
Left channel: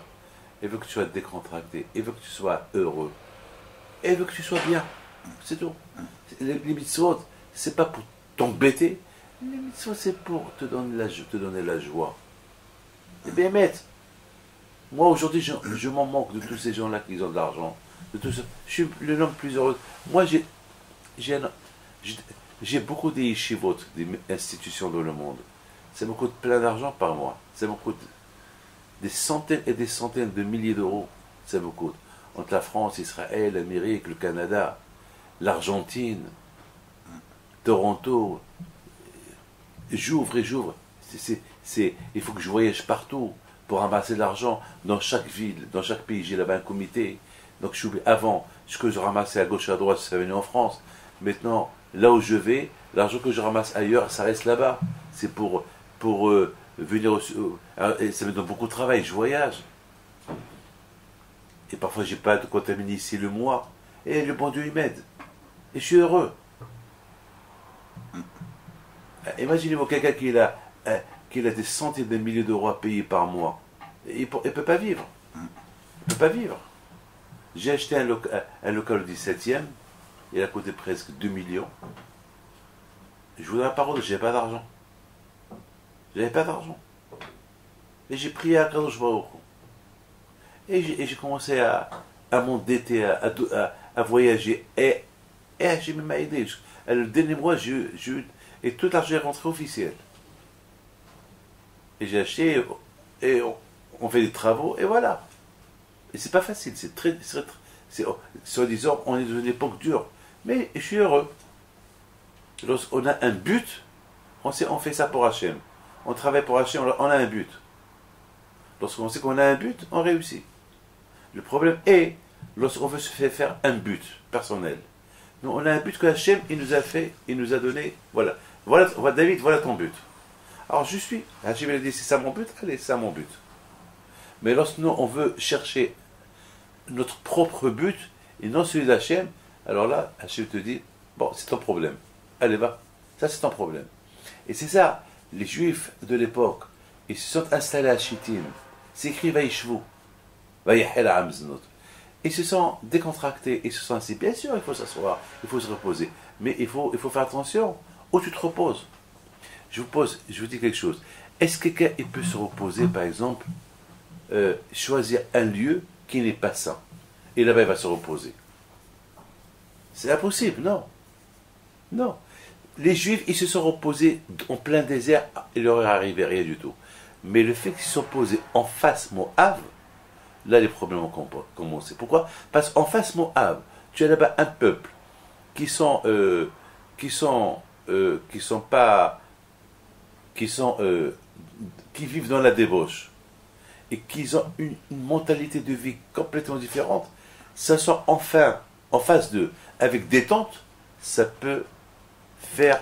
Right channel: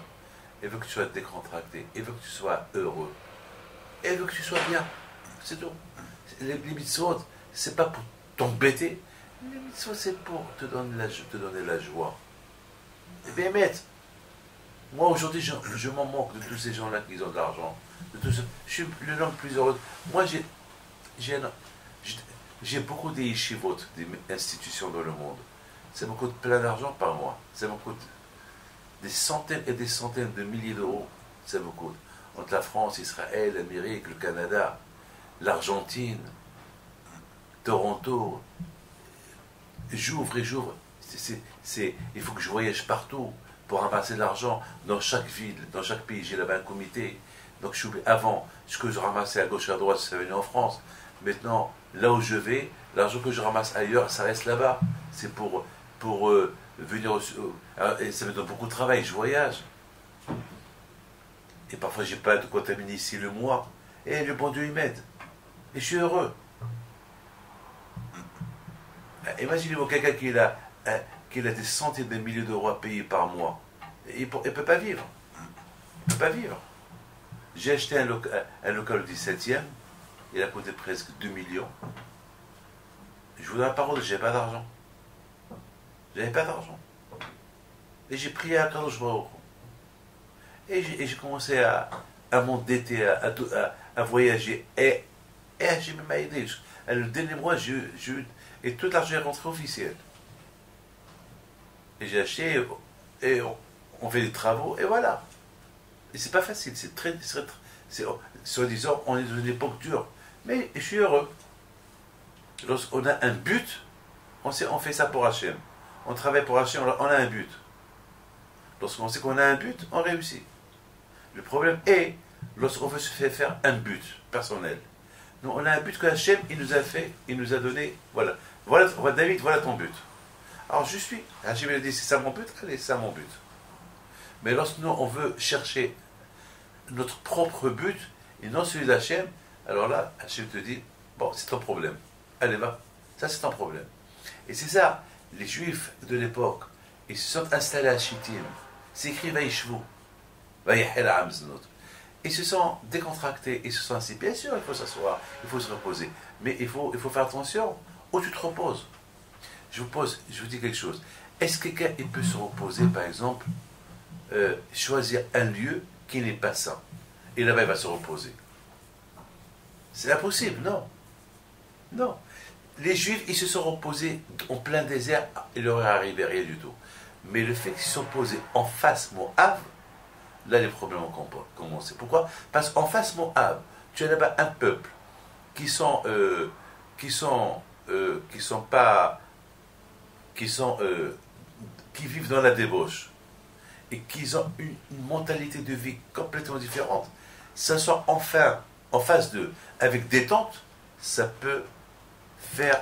elle veut que tu sois décontracté, elle veut que tu sois heureux, elle veut que tu sois bien. C'est tout. Les mitzvot, c'est pas pour t'embêter, les mitzvot, c'est pour te donner la joie. Et bien, maître, moi aujourd'hui, je m'en manque de tous ces gens-là qui ont de l'argent. Je suis l'homme plus heureux. Moi, j'ai beaucoup de yeshivot, des institutions dans le monde. Ça me coûte plein d'argent par mois. Ça me coûte des centaines et des centaines de milliers d'euros. Ça me coûte. Entre la France, Israël, l'Amérique, le Canada, l'Argentine, Toronto. J'ouvre et j'ouvre. Il faut que je voyage partout pour ramasser de l'argent dans chaque ville, dans chaque pays. J'ai là-bas un comité. Donc avant, ce que je ramassais à gauche et à droite, ça venait en France. Maintenant, là où je vais, l'argent que je ramasse ailleurs, ça reste là-bas. C'est pour venir ça me donne beaucoup de travail, je voyage. Et parfois, j'ai pas de contaminer ici le mois. Et le bon Dieu, il m'aide. Et je suis heureux. Imaginez-vous quelqu'un qui a des centaines de milliers d'euros à payer par mois. Il ne peut pas vivre. Il ne peut pas vivre. J'ai acheté un local au 17e. Il a coûté presque 2 millions. Je vous donne la parole, je n'avais pas d'argent. J'avais pas d'argent. Et j'ai prié à Kadosh Baruch Hu. Et j'ai commencé à m'endetter, à voyager. Et j'ai mis ma idée. Le dernier mois, et tout l'argent est rentré officiel. Et j'ai acheté, et on fait des travaux, et voilà. Et c'est pas facile, soi-disant, on est dans une époque dure. Mais je suis heureux. Lorsqu'on a un but, on fait ça pour Hachem. On travaille pour Hachem, on a un but. Lorsqu'on sait qu'on a un but, on réussit. Le problème est, lorsqu'on veut se faire un but personnel. Nous, on a un but que Hachem, il nous a donné, voilà, David, voilà ton but. Alors Hachem, il a dit, c'est ça mon but, allez, c'est ça mon but. Mais lorsque nous, on veut chercher notre propre but, et non celui d'Hachem, alors là, Hachem te dit, bon, c'est ton problème. Allez, va, ça c'est ton problème. Et c'est ça, les Juifs de l'époque, ils se sont installés à Shittim, c'est écrit Vaishvu, Vayahel Amznot. Ils se sont décontractés, ils se sont assis. Bien sûr, il faut s'asseoir, il faut se reposer, mais il faut faire attention où tu te reposes. Je vous dis quelque chose. Est-ce que quelqu'un peut se reposer, par exemple, choisir un lieu qui n'est pas sain, et là-bas il va se reposer? C'est impossible, non. Non. Les Juifs, ils se sont reposés en plein désert, il leur est arrivé rien du tout. Mais le fait qu'ils se sont posés en face Moab, là les problèmes ont commencé. Pourquoi? Parce qu'en face Moab, tu as là-bas un peuple qui vivent dans la débauche et qui ont une mentalité de vie complètement différente. Ça soit enfin en face d'eux, avec des tentes, ça peut faire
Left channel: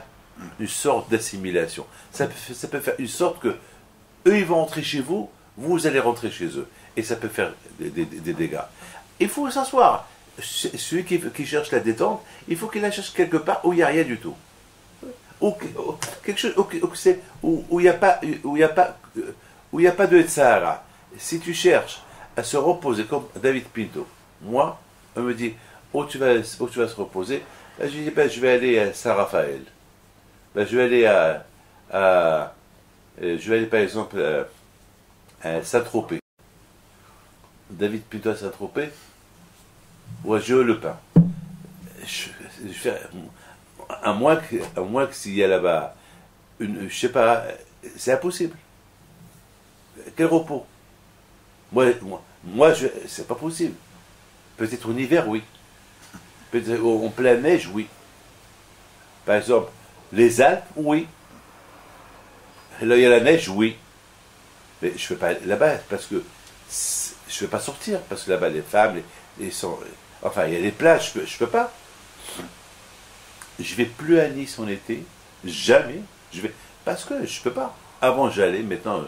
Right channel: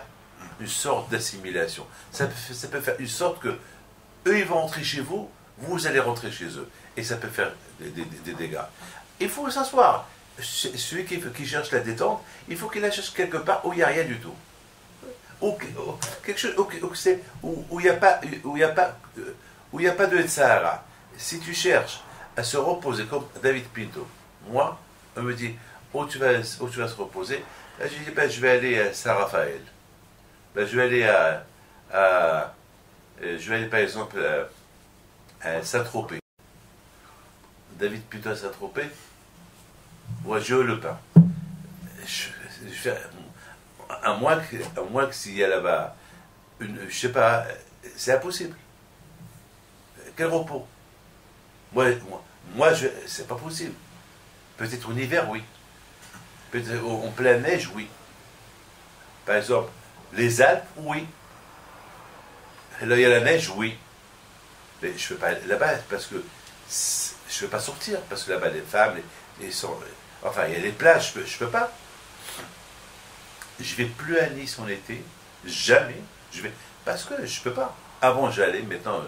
une sorte d'assimilation. Ça peut faire une sorte que eux ils vont rentrer chez vous, vous allez rentrer chez eux. Et ça peut faire des dégâts. Il faut s'asseoir. Celui qui cherche la détente, il faut qu'il la cherche quelque part où il n'y a rien du tout. Quelque chose où il n'y a pas de Sahara. Si tu cherches à se reposer comme David Pinto, moi, on me dit où tu vas se reposer. Là, je dis je vais aller à Saint-Raphaël. Je vais aller par exemple à Saint-Tropez. David Pinto à Saint-Tropez, ou à Géo-le-Pin. À moins que s'il y a là-bas je sais pas, c'est impossible. Quel repos? Moi c'est pas possible. Peut-être en hiver, oui. Peut-être en pleine neige, oui. Par exemple, les Alpes, oui. Là, il y a la neige, oui. Mais je ne peux pas aller là-bas parce que je ne peux pas sortir. Parce que là-bas, les femmes, enfin, il y a les plages, je ne peux pas. Je ne vais plus à Nice en été. Jamais. Je vais, parce que je peux pas. Avant j'allais, maintenant,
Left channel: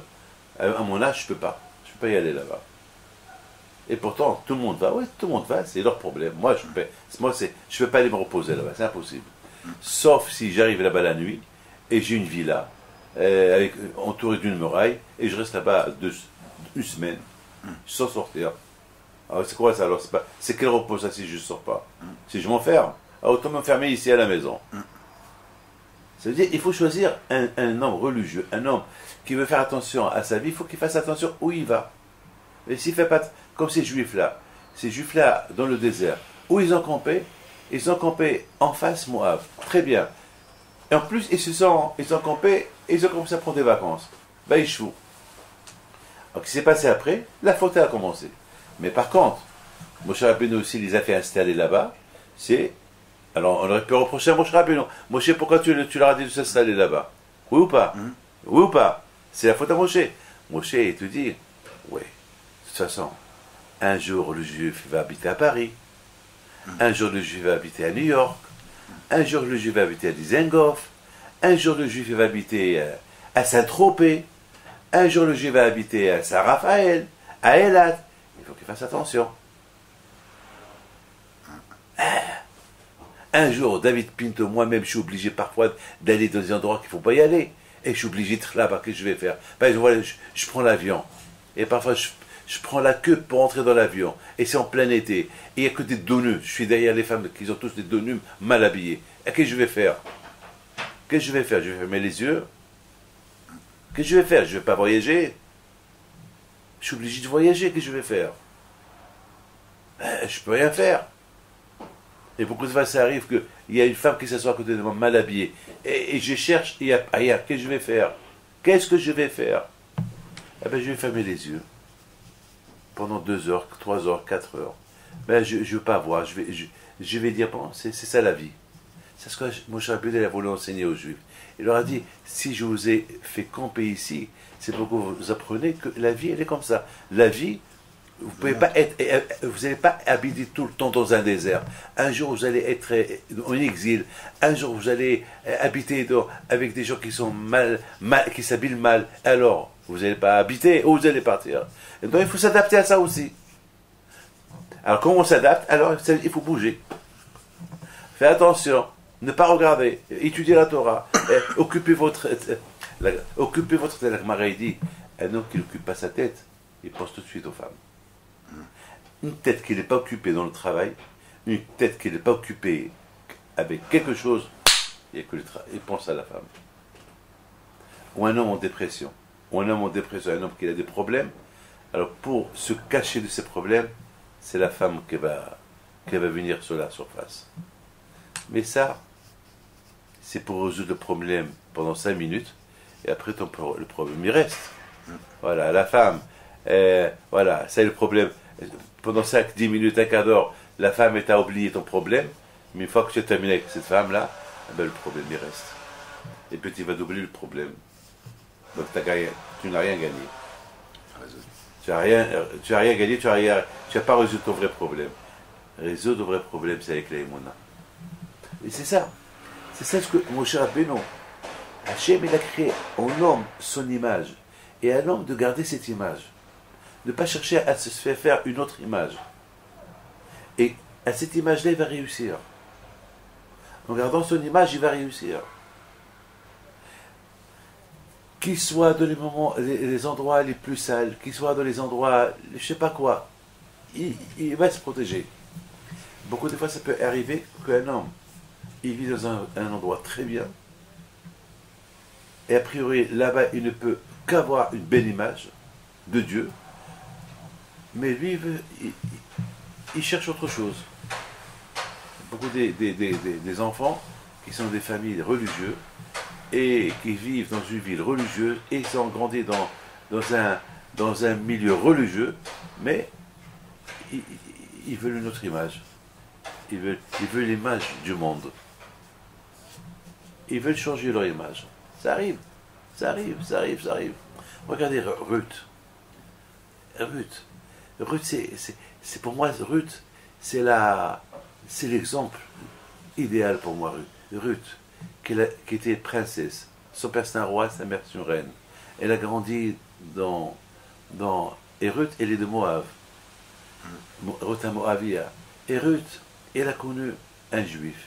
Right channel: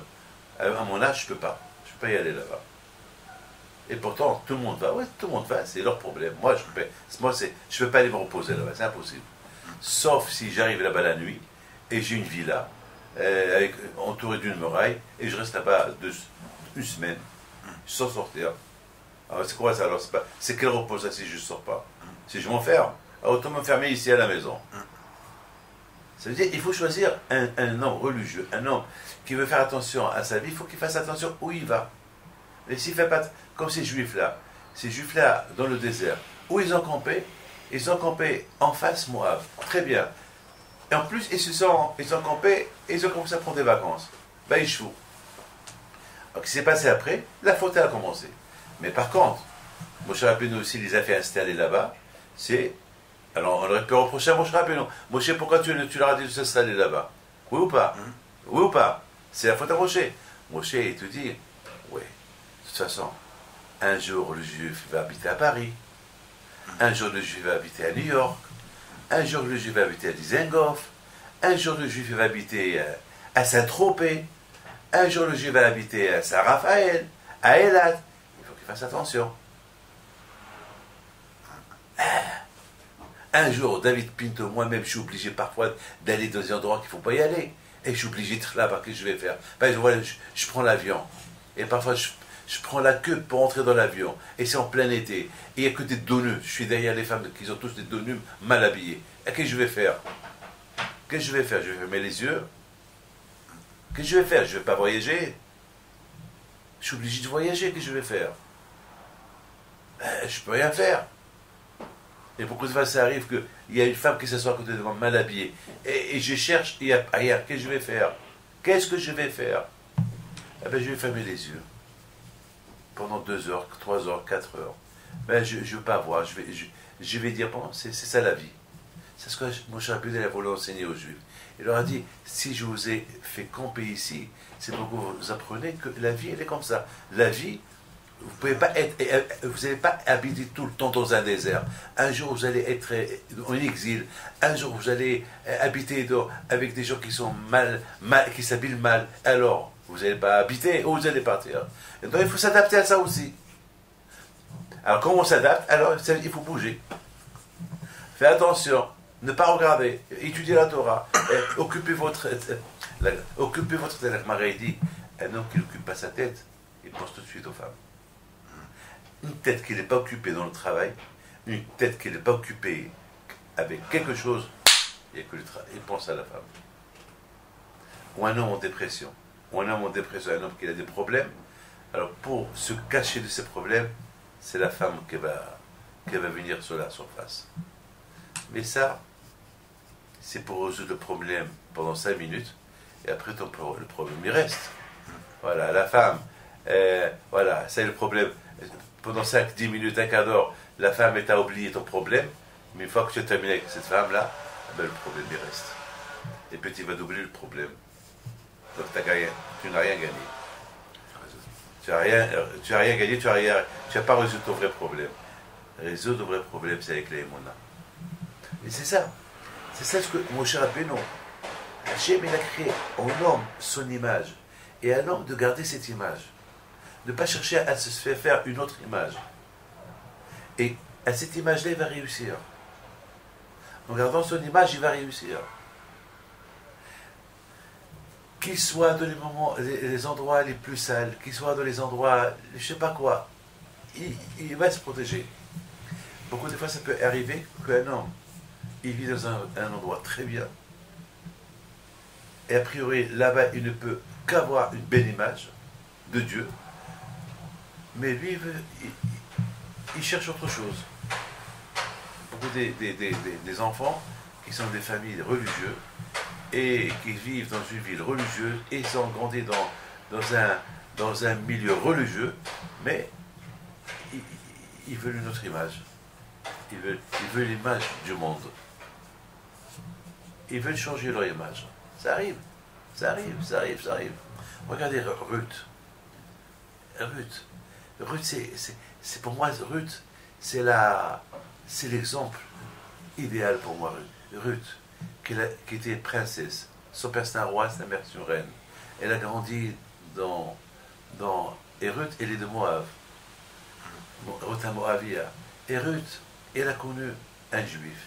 à mon âge, je peux pas. Je peux pas y aller là-bas. Et pourtant, tout le monde va. Oui, tout le monde va, c'est leur problème. Moi, je peux pas aller me reposer là-bas, c'est impossible. Sauf si j'arrive là-bas la nuit, et j'ai une villa, entourée d'une muraille, et je reste là-bas une semaine, sans sortir. Alors c'est quoi ça alors? C'est quel repos ça si je ne sors pas? Si je m'enferme, alors autant m'enfermer ici à la maison. Ça veut dire qu'il faut choisir un homme religieux, un homme qui veut faire attention à sa vie, il faut qu'il fasse attention où il va. Et s'il fait pas, comme ces juifs-là dans le désert, où ils ont campé en face Moab, très bien. Et en plus, ils ont campé, et ils ont commencé à prendre des vacances. Ben, ils chouent. Alors, ce qui s'est passé après, la faute a commencé. Mais par contre, Moshe Rabbeinu aussi les a fait installer là-bas, alors on aurait pu reprocher à Moshe Rabbeinu. Moshe, pourquoi tu leur as dit de s'installer là-bas? Oui ou pas? Oui ou pas? C'est la faute à Moshe. Moshe, il te dit, oui, de toute façon, un jour le juif va habiter à Paris, un jour le juif va habiter à New York, un jour le juif va habiter à Dizengoff, un jour le juif va habiter à Saint-Tropez, un jour le juif va habiter à Saint-Raphaël, à Eilat. Il faut qu'il fasse attention. Un jour, David Pinto, moi-même, je suis obligé parfois d'aller dans des endroits qu'il ne faut pas y aller. Et je suis obligé d'être là-bas. Qu'est-ce que je vais faire? Par exemple, je prends l'avion. Et parfois, je prends la queue pour entrer dans l'avion. Et c'est en plein été. Et il n'y a que des donnus. Je suis derrière les femmes qui ont tous des donnus mal habillés. Et qu'est-ce que je vais faire? Qu'est-ce que je vais faire? Je vais fermer les yeux? Qu'est-ce que je vais faire? Je ne vais pas voyager? Je suis obligé de voyager. Qu'est-ce que je vais faire? Je ne peux rien faire. Et beaucoup de fois, ça arrive qu'il y a une femme qui s'assoit à côté de moi, mal habillée. Et je cherche, il y a ailleurs, qu'est-ce que je vais faire? Qu'est-ce que je vais faire? Eh bien, je vais fermer les yeux. Pendant 2 heures, 3 heures, 4 heures. Ben, je ne veux pas voir. Je vais dire, bon, c'est ça la vie. C'est ce que Moshe Rabbeinu a voulu enseigner aux Juifs. Il leur a dit, si je vous ai fait camper ici, c'est pour que vous appreniez que la vie, elle est comme ça. La vie, vous n'allez pas habiter tout le temps dans un désert. Un jour, vous allez être en exil. Un jour, vous allez habiter avec des gens qui sont qui s'habillent mal. Alors, vous n'allez pas habiter ou vous allez partir. Et donc, il faut s'adapter à ça aussi. Alors, comment on s'adapte? Alors, il faut bouger. Faites attention. Ne pas regarder. Étudier la Torah. Occupez votre tête. La Gemara dit, un homme qui n'occupe pas sa tête, il pense tout de suite aux femmes. Une tête qui n'est pas occupée dans le travail, une tête qui n'est pas occupée avec quelque chose, il pense à la femme. Ou un homme en dépression, un homme qui a des problèmes, alors pour se cacher de ses problèmes, c'est la femme qui va venir sur la surface. Mais ça, c'est pour résoudre le problème pendant 5 minutes, et après le problème il reste. Voilà, la femme, voilà, ça est le problème. Pendant 5-10 minutes, un quart d'heure, la femme t'a oublié ton problème, mais une fois que tu as terminé avec cette femme-là, ben, le problème il reste. Et puis tu vas doubler le problème. Donc tu n'as rien gagné. Tu n'as rien gagné, tu n'as pas résolu ton vrai problème. Résoudre le vrai problème, c'est avec les Emouna. Et c'est ça. C'est ça ce que Moshe Rabbeinu, Hachem, il a créé en homme son image. Et à l'homme de garder cette image. Ne pas chercher à se faire une autre image. Et à cette image-là, il va réussir. En gardant son image, il va réussir. Qu'il soit dans les endroits les plus sales, qu'il soit dans les endroits, je ne sais pas quoi, il va se protéger. Beaucoup de fois, ça peut arriver qu'un homme, il vit dans un endroit très bien, et a priori, là-bas, il ne peut qu'avoir une belle image de Dieu, mais lui, il cherche autre chose. Beaucoup des enfants qui sont des familles religieuses et qui vivent dans une ville religieuse et ils ont grandi dans un milieu religieux, mais ils veulent une autre image. Ils veulent l'image du monde. Ils veulent changer leur image. Ça arrive. Regardez Ruth. Ruth, c'est pour moi, Ruth, c'est l'exemple idéal pour moi, Ruth, qui était princesse, Son père c'est un roi, sa mère c'est une reine. Elle a grandi et Ruth, elle est de Moab. Ruth à Moabia. Et Ruth, elle a connu un juif.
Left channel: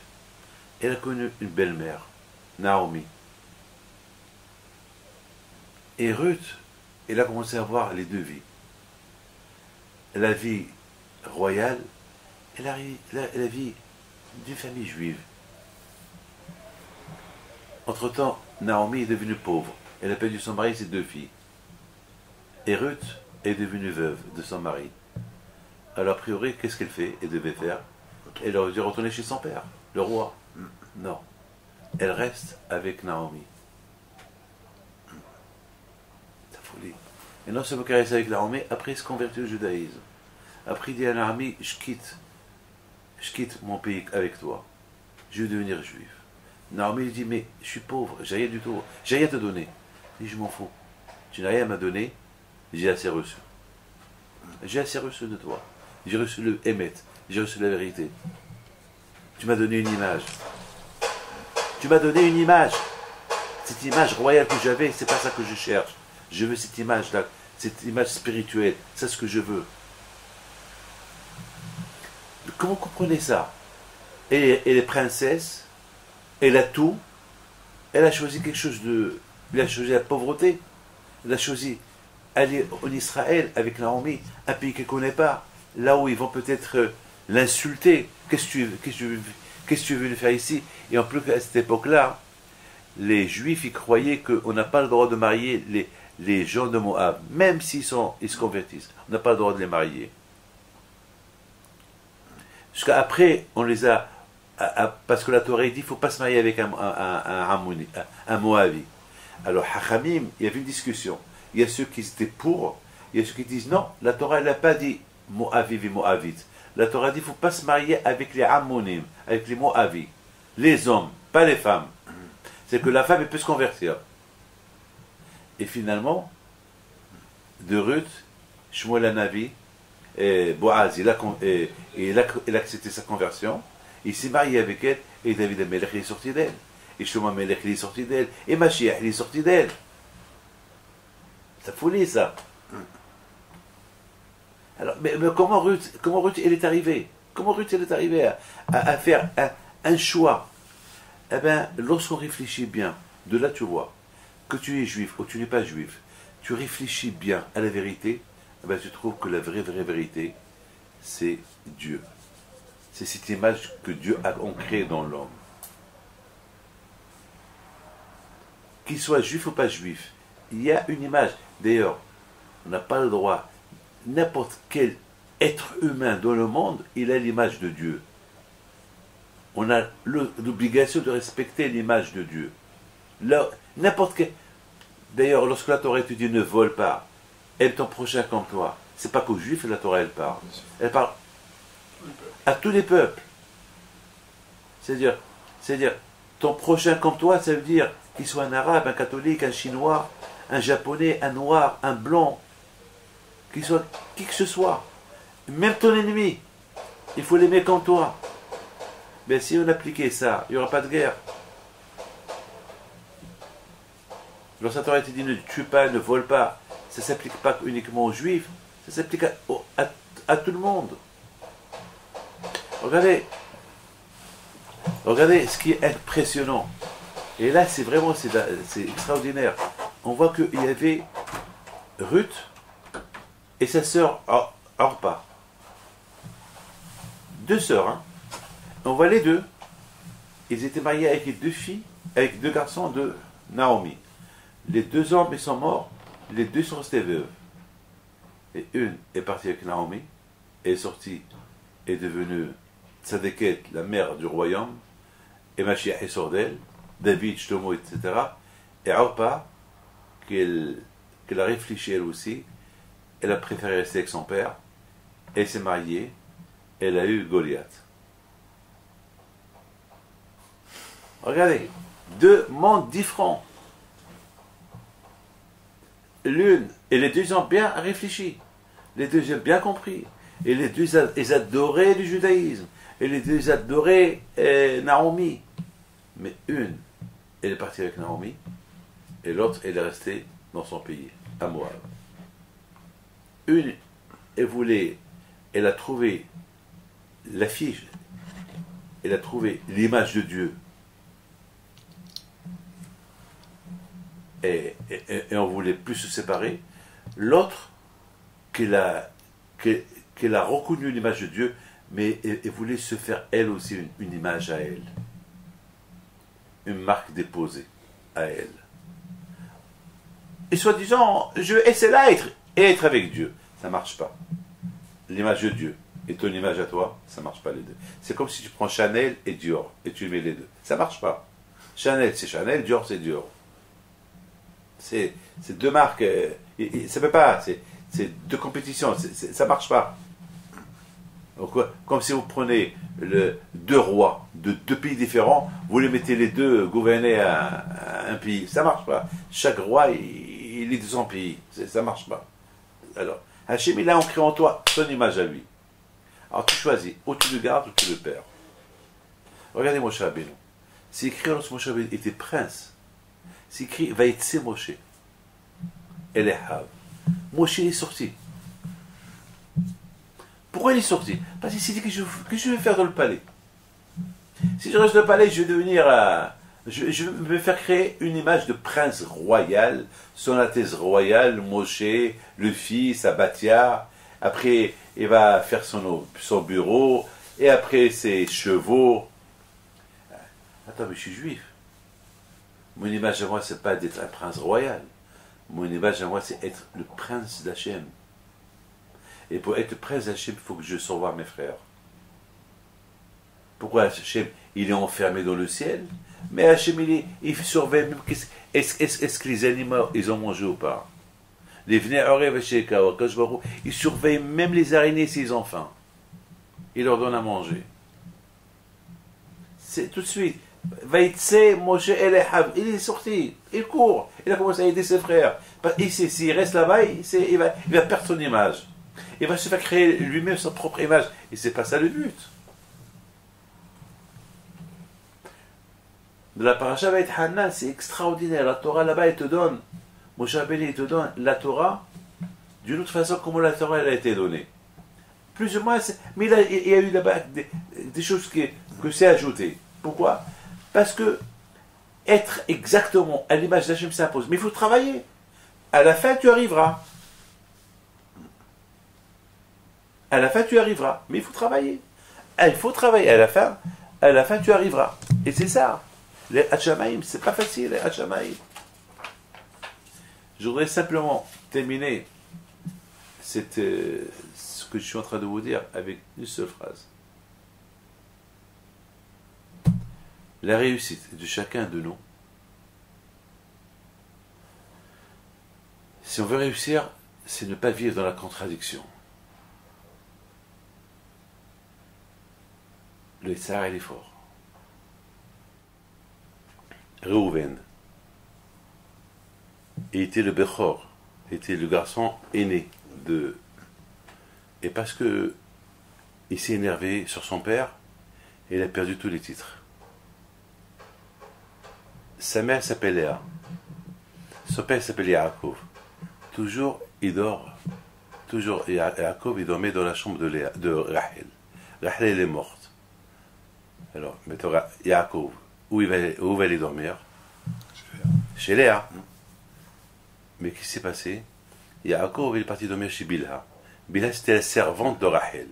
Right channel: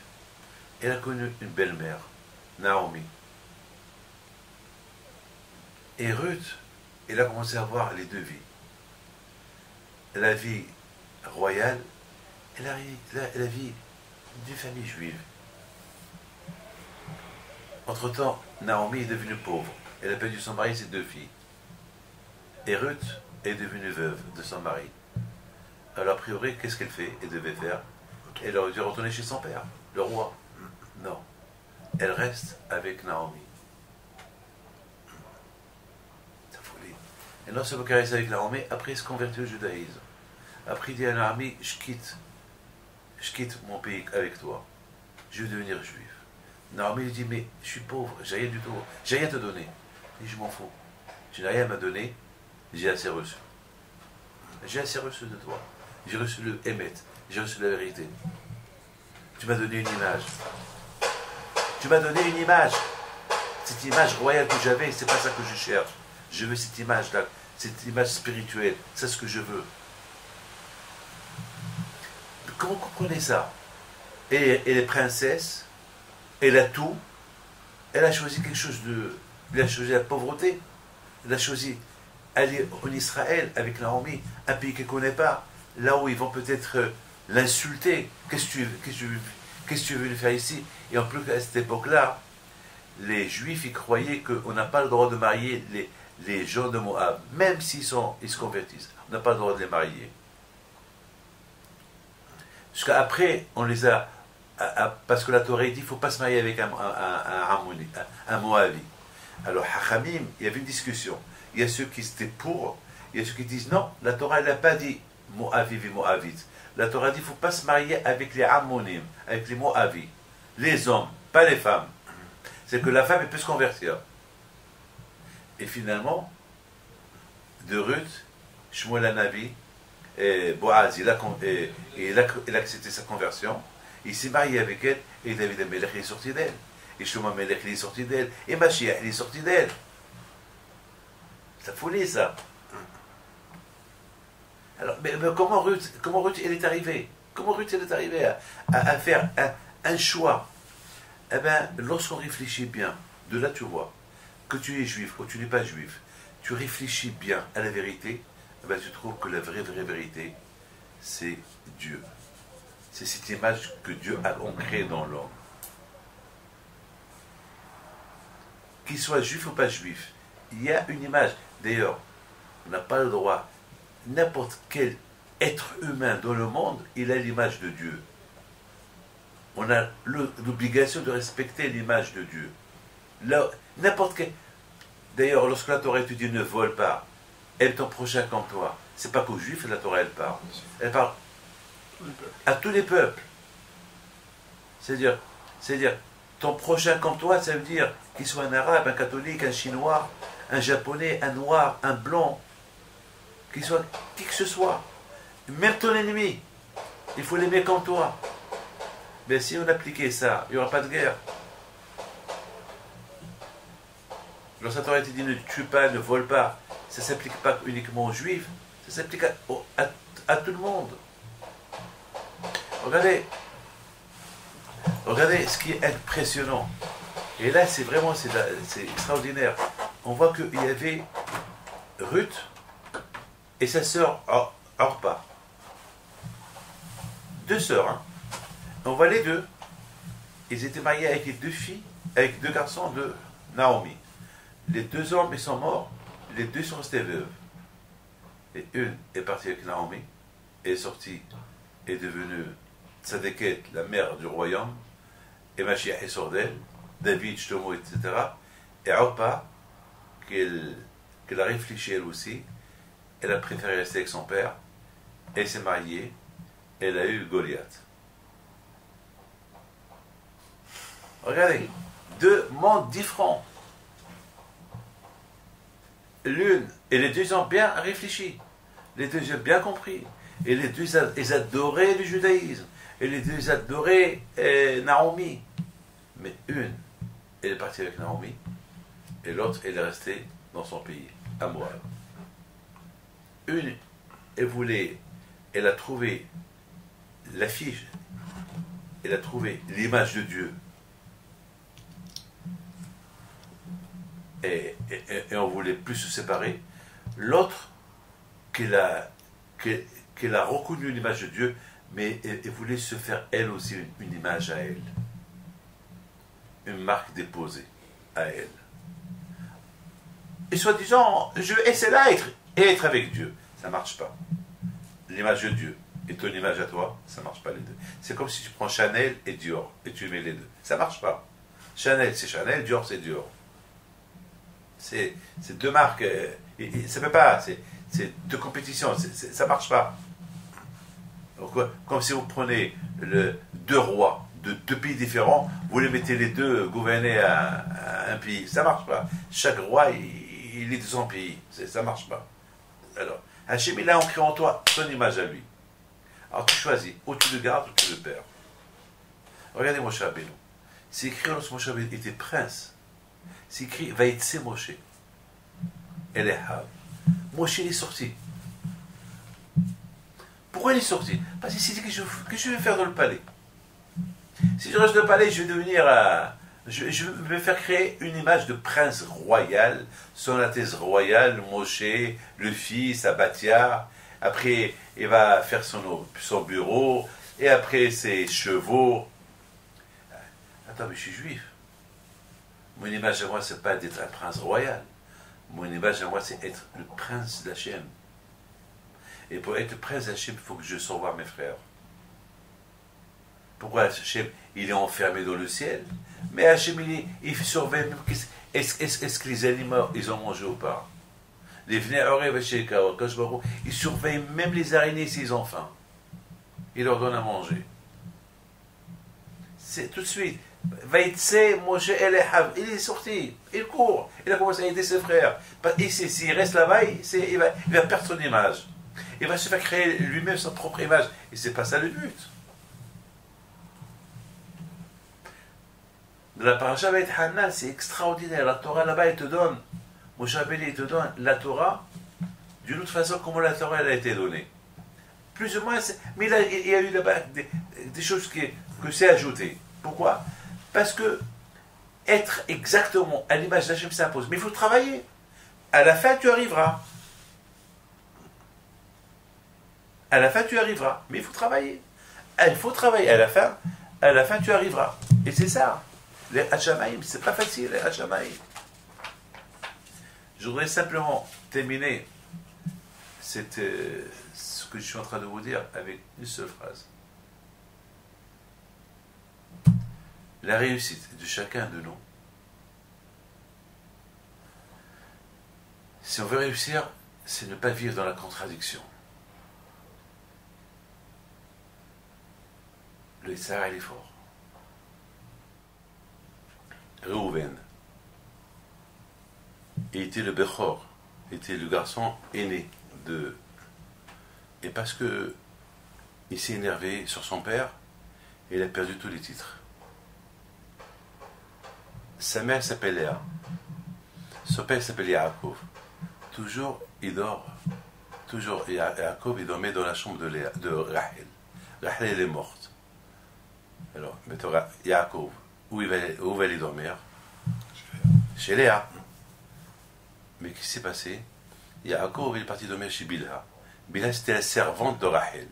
Elle a connu une belle-mère, Naomi. Et Ruth, elle a commencé à voir les deux vies. La vie royale et la vie d'une famille juive. Entre-temps, Naomi est devenue pauvre. Elle a perdu son mari et ses deux filles. Et Ruth est devenue veuve de son mari. Alors, a priori, qu'est-ce qu'elle fait? Elle devait faire. Elle aurait dû retourner chez son père, le roi. Non. Elle reste avec Naomi. C'est folie. Et non seulement qu'elle reste avec Naomi, après elle se convertit au judaïsme. Après il dit à Naomi, je quitte mon pays avec toi. Je vais devenir juif. Naomi lui dit, mais je suis pauvre, j'ai rien du tout, j'ai rien à te donner. Il dit, je m'en fous. Tu n'as rien à me donner, j'ai assez reçu. J'ai assez reçu de toi. J'ai reçu le émet, j'ai reçu la vérité. Tu m'as donné une image. Tu m'as donné une image. Cette image royale que j'avais, c'est pas ça que je cherche. Je veux cette image-là, cette image spirituelle. C'est ce que je veux. Comment vous comprenez ça? Elle est princesse, elle a tout, elle a choisi quelque chose de... Elle a choisi la pauvreté, elle a choisi aller en Israël avec Naomi, un pays qu'elle ne connaît pas, là où ils vont peut-être l'insulter. Qu'est-ce que tu veux faire ici? Et en plus, à cette époque-là, les Juifs, ils croyaient qu'on n'a pas le droit de marier les gens de Moab, même s'ils se convertissent. On n'a pas le droit de les marier. Jusqu'à après, on les a... parce que la Torah dit qu'il ne faut pas se marier avec un Moavi. Alors, Hachamim, il y avait une discussion. Il y a ceux qui étaient pour, il y a ceux qui disent non, la Torah, elle n'a pas dit Moaviv et Moavite. La Torah dit qu'il ne faut pas se marier avec les Ammonim, avec les Moavis. Les hommes, pas les femmes. C'est que la femme, elle peut se convertir. Et finalement, de Ruth, Shmuel Hanavi, et Boaz, il a accepté sa conversion, il s'est marié avec elle, et David Amelech, il est sorti d'elle. Et Shlomo Amelech, il est sorti d'elle. Et Mashiach, il est sorti d'elle. C'est folie, ça. Alors, mais comment Ruth, elle est arrivée? Comment Ruth, elle est arrivée à faire un choix? Eh bien, lorsqu'on réfléchit bien, de là tu vois, que tu es juif ou tu n'es pas juif, tu réfléchis bien à la vérité, eh bien, tu trouves que la vraie vérité, c'est Dieu. C'est cette image que Dieu a ancrée dans l'homme. Qu'il soit juif ou pas juif, il y a une image. D'ailleurs, on n'a pas le droit, n'importe quel être humain dans le monde, il a l'image de Dieu. On a l'obligation de respecter l'image de Dieu. Là, n'importe quel... D'ailleurs, lorsque la Torah te dit ne vole pas, aime ton prochain comme toi, c'est pas qu'aux Juifs la Torah elle parle. Elle parle à tous les peuples. C'est-à-dire, ton prochain comme toi, ça veut dire qu'il soit un arabe, un catholique, un chinois, un japonais, un noir, un blanc, qu'il soit qui que ce soit. Même ton ennemi, il faut l'aimer comme toi. Mais si on appliquait ça, il n'y aura pas de guerre. Lorsque la Torah te dit ne tue pas, ne vole pas, ça ne s'applique pas uniquement aux Juifs, ça s'applique à tout le monde. Regardez ce qui est impressionnant. Et là, c'est extraordinaire. On voit qu'il y avait Ruth et sa sœur Orpa. Deux sœurs, hein. On voit les deux. Ils étaient mariés avec deux filles, avec deux garçons de Naomi. Les deux hommes, ils sont morts. Les deux sont restés veuves. Et une est partie avec Naomi, est sortie, est devenue Tzadeket, la mère du royaume, et Mashiach est sort d'elle, David, Shlomo, etc. Et Orpa, qu'elle a réfléchi elle aussi, elle a préféré rester avec son père, elle s'est mariée, elle a eu Goliath. Regardez, deux mondes différents. L'une, et les deux ont bien réfléchi, les deux ont bien compris, et les deux, ils adoraient le judaïsme, et les deux adoraient Naomi. Mais une, elle est partie avec Naomi, et l'autre, elle est restée dans son pays, à Moab. Une, elle a trouvé l'affiche, elle a trouvé l'image de Dieu, et on voulait plus se séparer. L'autre, qu'elle a reconnu l'image de Dieu, mais elle voulait se faire elle aussi une image à elle, une marque déposée à elle. Et soi-disant, je vais essayer là être avec Dieu. Ça ne marche pas. L'image de Dieu et ton image à toi, ça ne marche pas les deux. C'est comme si tu prends Chanel et Dior et tu mets les deux. Ça ne marche pas. Chanel, c'est Chanel, Dior, c'est Dior. C'est deux marques. Ça ne peut pas. C'est deux compétitions. Ça ne marche pas. Donc, comme si vous prenez deux rois de deux pays différents, vous les mettez les deux gouverner un pays. Ça ne marche pas. Chaque roi, il est de son pays. Ça ne marche pas. Alors, Hachem, il a ancré en toi son image à lui. Alors tu choisis, ou tu le gardes ou tu le perds. Regardez Moshe Rabbeinu. C'est écrit lorsque Moshe Rabbeinu était prince. C'est écrit Vaïtse Moshe. Elehav. Moshe est sorti. Pourquoi il est sorti? Parce qu'il s'est dit que je vais faire dans le palais. Si je reste dans le palais, je vais devenir je vais me faire créer une image de prince royal, son Altesse royale, Moshe, le fils, Abatia. Après, il va faire son bureau, et après ses chevaux. Attends, mais je suis juif. Mon image à moi, c'est pas d'être un prince royal. Mon image à moi, c'est être le prince d'Hachem. Et pour être le prince d'Hachem, il faut que je surveille mes frères. Pourquoi Hachem, il est enfermé dans le ciel? Mais Hachem, il surveille même est-ce que les animaux, ils ont mangé ou pas. Les il surveille même les araignées s'ils ont faim. Il leur donne à manger. C'est tout de suite. Vaïtse, Moshe, Elehav. Il est sorti. Il court. Il a commencé à aider ses frères. Et s'il reste là-bas, il va perdre son image. Il va se faire créer lui-même sa propre image. Et c'est pas ça le but. De la paracha Beit Hanan, c'est extraordinaire. La Torah là-bas, elle te donne. Moshe Rabbeinu, il te donne la Torah d'une autre façon comment la Torah elle a été donnée. Plus ou moins, mais il y a eu là-bas des choses que c'est ajouté. Pourquoi? Parce que être exactement à l'image d'Hachem s'impose. Mais il faut travailler. À la fin, tu arriveras. À la fin, tu arriveras. Mais il faut travailler. Il faut travailler. À la fin, tu arriveras. Et c'est ça. Les Hachamaïm, c'est pas facile, les Hachamaïm. Je voudrais simplement terminer ce que je suis en train de vous dire avec une seule phrase. La réussite de chacun de nous, si on veut réussir, c'est ne pas vivre dans la contradiction. Le Tsar, il est fort. Reuven était le Bechor, était le garçon aîné de... Et parce que il s'est énervé sur son père, il a perdu tous les titres. Sa mère s'appelle Léa. Son père s'appelle Yaakov. Toujours, il dort. Toujours, Yaakov, il dormait dans la chambre de Rachel. Rachel, elle est morte. Alors, mettons, Yaakov, où va aller dormir? Chez Léa. Mais qu'est-ce qui s'est passé? Yaakov, il est parti dormir chez Bilha. Bilha, c'était la servante de Rachel.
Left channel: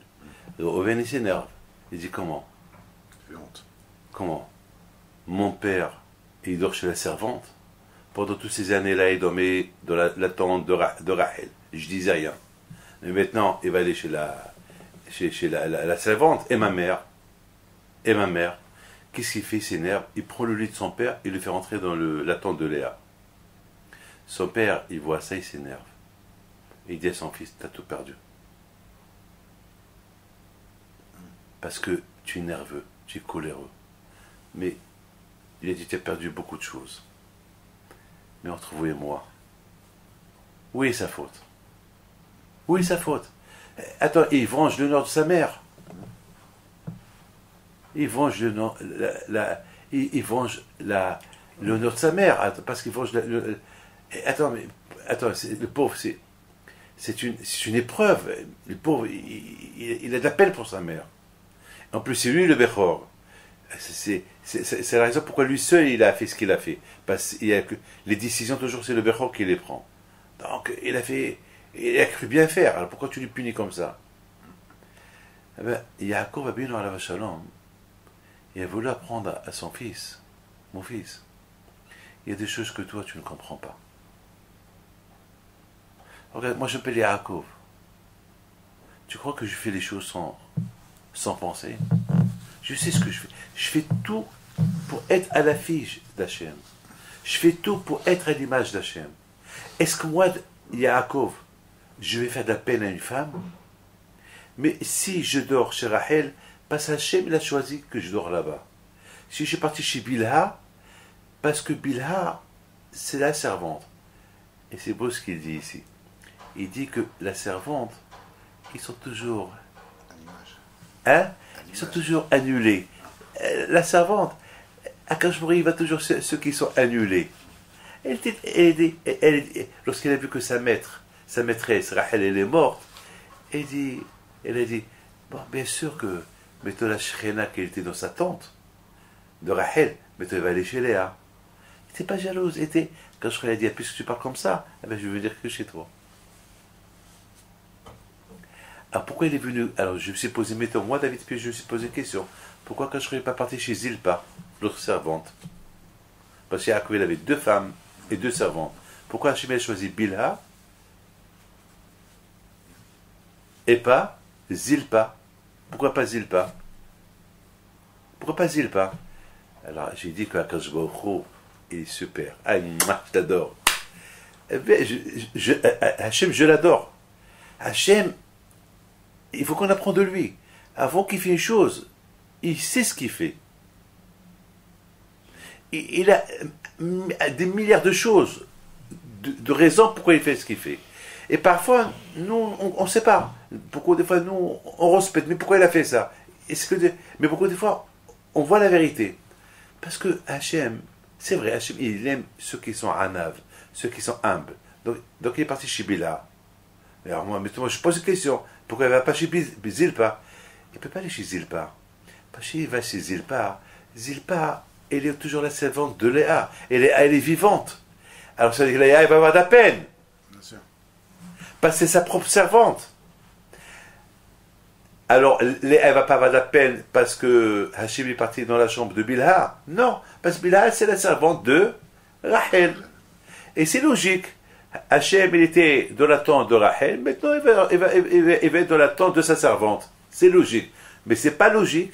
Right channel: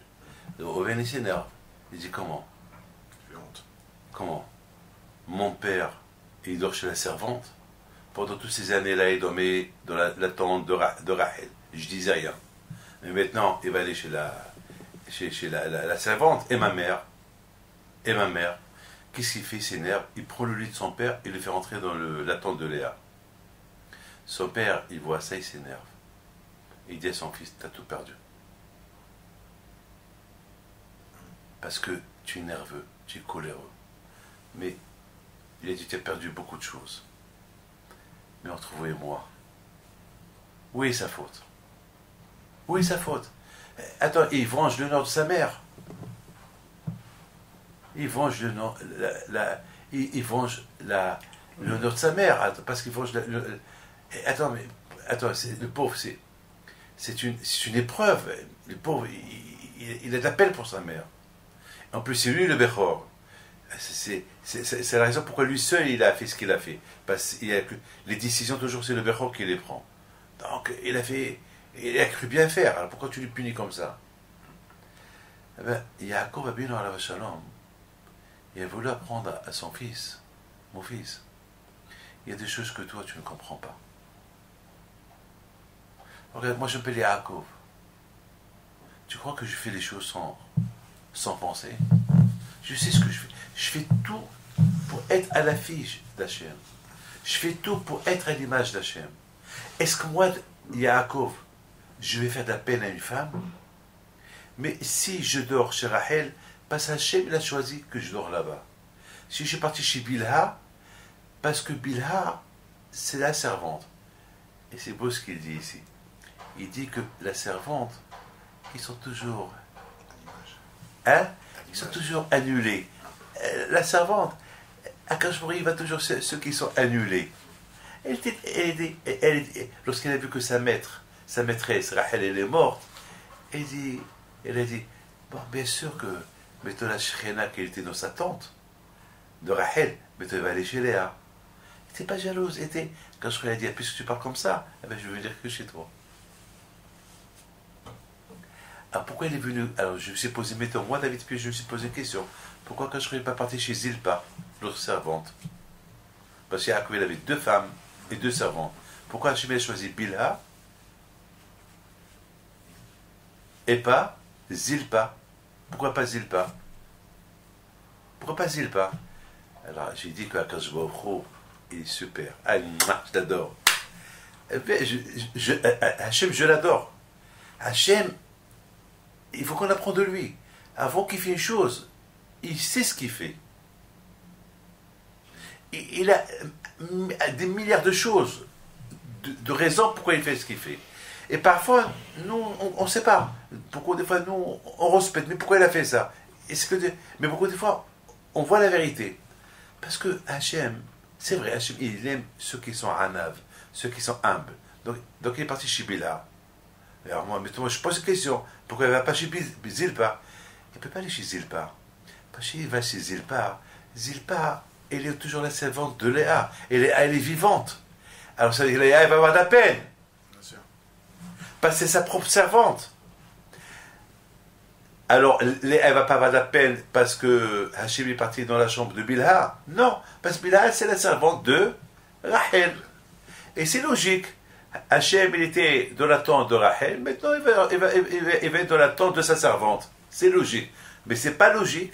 Reuven, il s'énerve. Il dit, comment? Comment? Mon père, il dort chez la servante. Pendant toutes ces années-là, il dormait dans la tente de Rachel. Je disais rien. Mais maintenant, il va aller chez la servante et ma mère. Qu'est-ce qu'il fait? Il s'énerve. Il prend le lit de son père, il le fait rentrer dans la tente de Léa. Son père, il voit ça, il s'énerve. Il dit à son fils, t'as tout perdu. Parce que tu es nerveux, tu es coléreux. Mais il a dit, tu as perdu beaucoup de choses. Mais entre vous et moi, où est sa faute? Où est sa faute? Attends, il venge l'honneur de sa mère. Il venge il venge l'honneur de sa mère, parce qu'il faut... Attends, le pauvre, c'est une épreuve. Le pauvre, il a de la peine pour sa mère. En plus, c'est lui le Bechor. C'est la raison pourquoi lui seul, il a fait ce qu'il a fait. Parce que les décisions, toujours, c'est le Bechor qui les prend. Donc, il a cru bien faire. Alors, pourquoi tu lui punis comme ça? Eh bien, Yaakov Abinu alav shalom, il a voulu apprendre à son fils, mon fils, il y a des choses que toi, tu ne comprends pas. Regarde, moi, je m'appelle Yaakov. Tu crois que je fais les choses sans penser? Je sais ce que je fais. Je fais tout pour être à l'affiche d'Hachem. Je fais tout pour être à l'image d'Hachem. Est-ce que moi, Yaakov, je vais faire de la peine à une femme? Mais si je dors chez Rachel, parce qu'Hachem, il a choisi que je dors là-bas. Si je suis parti chez Bilha, parce que Bilha, c'est la servante. Et c'est beau ce qu'il dit ici. Il dit que la servante, ils sont toujours... Ils sont toujours annulés. La servante, Akash Baruch Hu, il va toujours ceux qui sont annulés. Lorsqu'elle a vu que sa maîtresse, Rachel, elle est morte, elle a dit, bon, bien sûr que mettons la Shekhinah qui était dans sa tente, de Rachel, mettons, elle va aller chez Léa. Elle n'était pas jalouse. Quand je lui ai dit, puisque tu parles comme ça, je vais venir que chez toi. Alors pourquoi il est venu? Alors je me suis posé, mettons, moi David P, je me suis posé une question. Pourquoi quand je ne suis pas parti chez Zilpa, l'autre servante? Parce qu'Yaakov il avait 2 femmes et 2 servantes. Pourquoi Hachem a choisi Bilha et pas Zilpa? Pourquoi pas Zilpa? Pourquoi pas Zilpa? Alors j'ai dit que Akash Baruch Hu, il est super. Ah, je t'adore. Hachem, je l'adore. Hachem, il faut qu'on apprenne de lui. Avant qu'il fait une chose, il sait ce qu'il fait. Il a des milliards de choses, de raisons pourquoi il fait ce qu'il fait. Et parfois, nous, on ne sait pas. Pourquoi des fois, nous, on respecte. Mais pourquoi il a fait ça? Mais pourquoi des fois, on voit la vérité? Parce que Hachem, c'est vrai, Hachem, il aime ceux qui sont anav, ceux qui sont humbles. Donc il est parti chez Bilha. Alors moi, je pose une question. Pourquoi il ne va pas chez Zilpa? Il ne peut pas aller chez Zilpa. Parce qu'il va chez Zilpa. Zilpa, elle est toujours la servante de Léa. Et Léa, elle est vivante. Alors ça veut dire que Léa, elle va avoir de la peine. Parce que c'est sa propre servante. Alors, Léa, elle ne va pas avoir de la peine parce que Hachem est parti dans la chambre de Bilha. Non, parce que Bilha, c'est la servante de Rachel. Et c'est logique. Hachem, il était dans la tente de Rachel, maintenant il va être dans la tente de sa servante. C'est logique. Mais ce n'est pas logique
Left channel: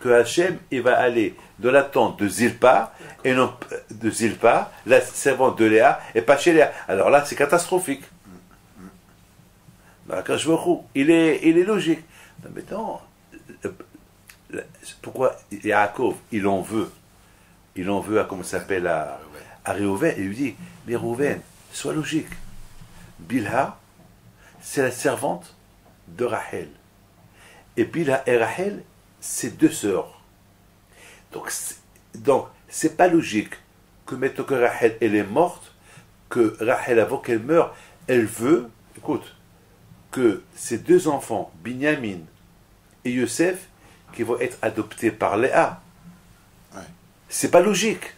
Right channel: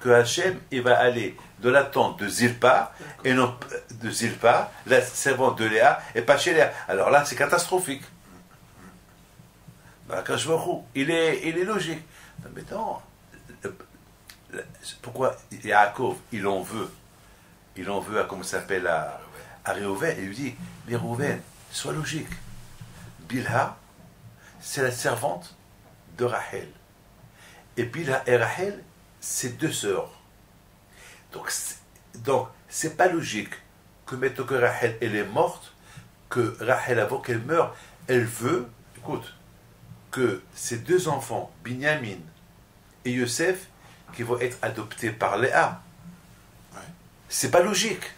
que Hachem, il va aller dans la tente de Zilpa, et non de Zilpa, la servante de Léa, et pas chez Léa. Alors là, c'est catastrophique. Akash Baruch Hu, il est logique. Maintenant, pourquoi Yaakov, il en veut à, comment ça s'appelle, à Réhouven, il lui dit, mais Réhouven, sois logique. Bilha, c'est la servante de Rachel. Et Bilha et Rachel, c'est 2 sœurs. Donc, c'est pas logique que maintenant que Rachel, elle est morte, que Rachel, avant qu'elle meure, elle veut, écoute, que ces 2 enfants, Binyamin et Yosef, qui vont être adoptés par Léa. Ouais. C'est pas logique.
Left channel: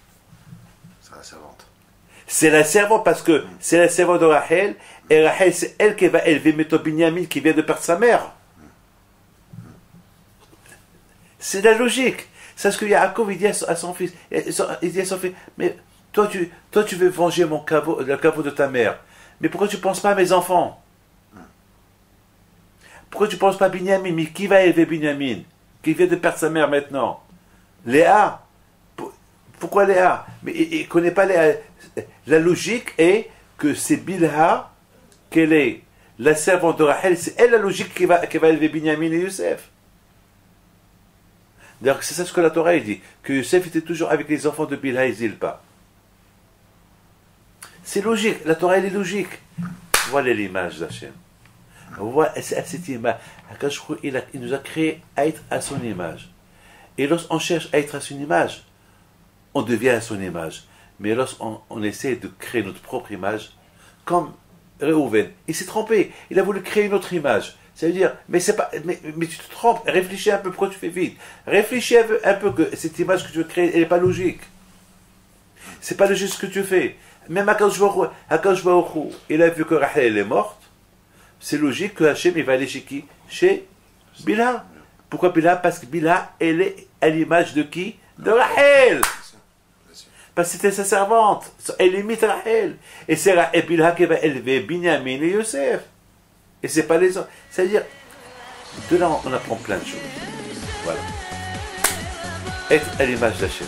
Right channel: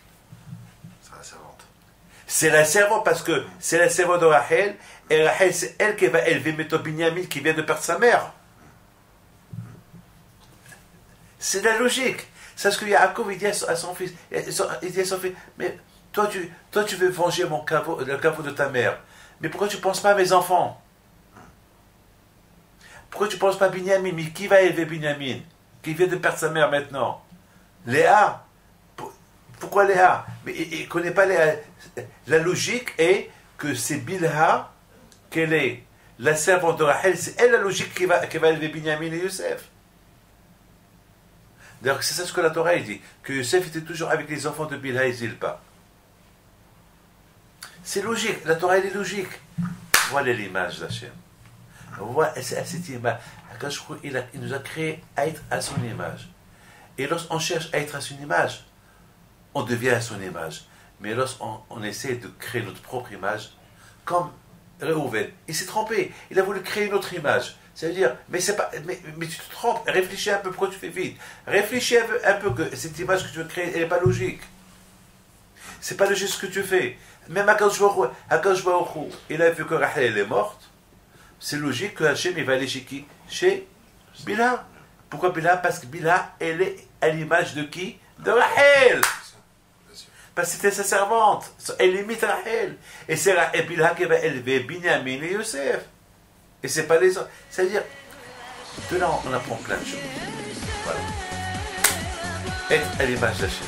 C'est la servante parce que c'est la servante de Rachel, et Rachel, c'est elle qui va élever maintenant Binyamin qui vient de perdre sa mère. C'est la logique. C'est ce que Yaakov il dit à son fils. Il dit à son fils, mais toi tu veux venger le caveau de ta mère. Mais pourquoi tu ne penses pas à mes enfants? Pourquoi tu ne penses pas à Binyamin? Mais qui va élever Binyamin qui vient de perdre sa mère maintenant? Léa. Pourquoi Léa? Mais il ne connaît pas Léa. La logique est que c'est Bilha, qu'elle est la servante de Rachel, c'est elle la logique qui va élever Binyamin et Yosef. D'ailleurs, c'est ça ce que la Torah dit, que Yosef était toujours avec les enfants de Bilha et Zilpa. C'est logique, la Torah elle est logique. Voilà l'image d'Hachem. Voilà cette image. Il nous a créé à être à son image. Et lorsqu'on cherche à être à son image, on devient à son image. Mais lorsqu'on essaie de créer notre propre image, comme Réhouven, il s'est trompé. Il a voulu créer une autre image. Ça veut dire, mais tu te trompes. Réfléchis un peu, pourquoi tu fais vite? Réfléchis un peu que cette image que tu veux créer, elle n'est pas logique. C'est pas logique ce que tu fais. Même Akadosh Baruch Hu, il a vu que Rachel est morte. C'est logique que Hachem, il va aller chez qui? Chez Bilha. Pourquoi Bilha? Parce que Bilha, elle est à l'image de qui? De Rachel. Parce que c'était sa servante. Elle imite Rachel. Et c'est Bilha qui va élever Binyamin et Yosef. Et c'est pas les autres. Ça veut dire, de là, on apprend plein de choses. Voilà. Être à l'image d'Hachem.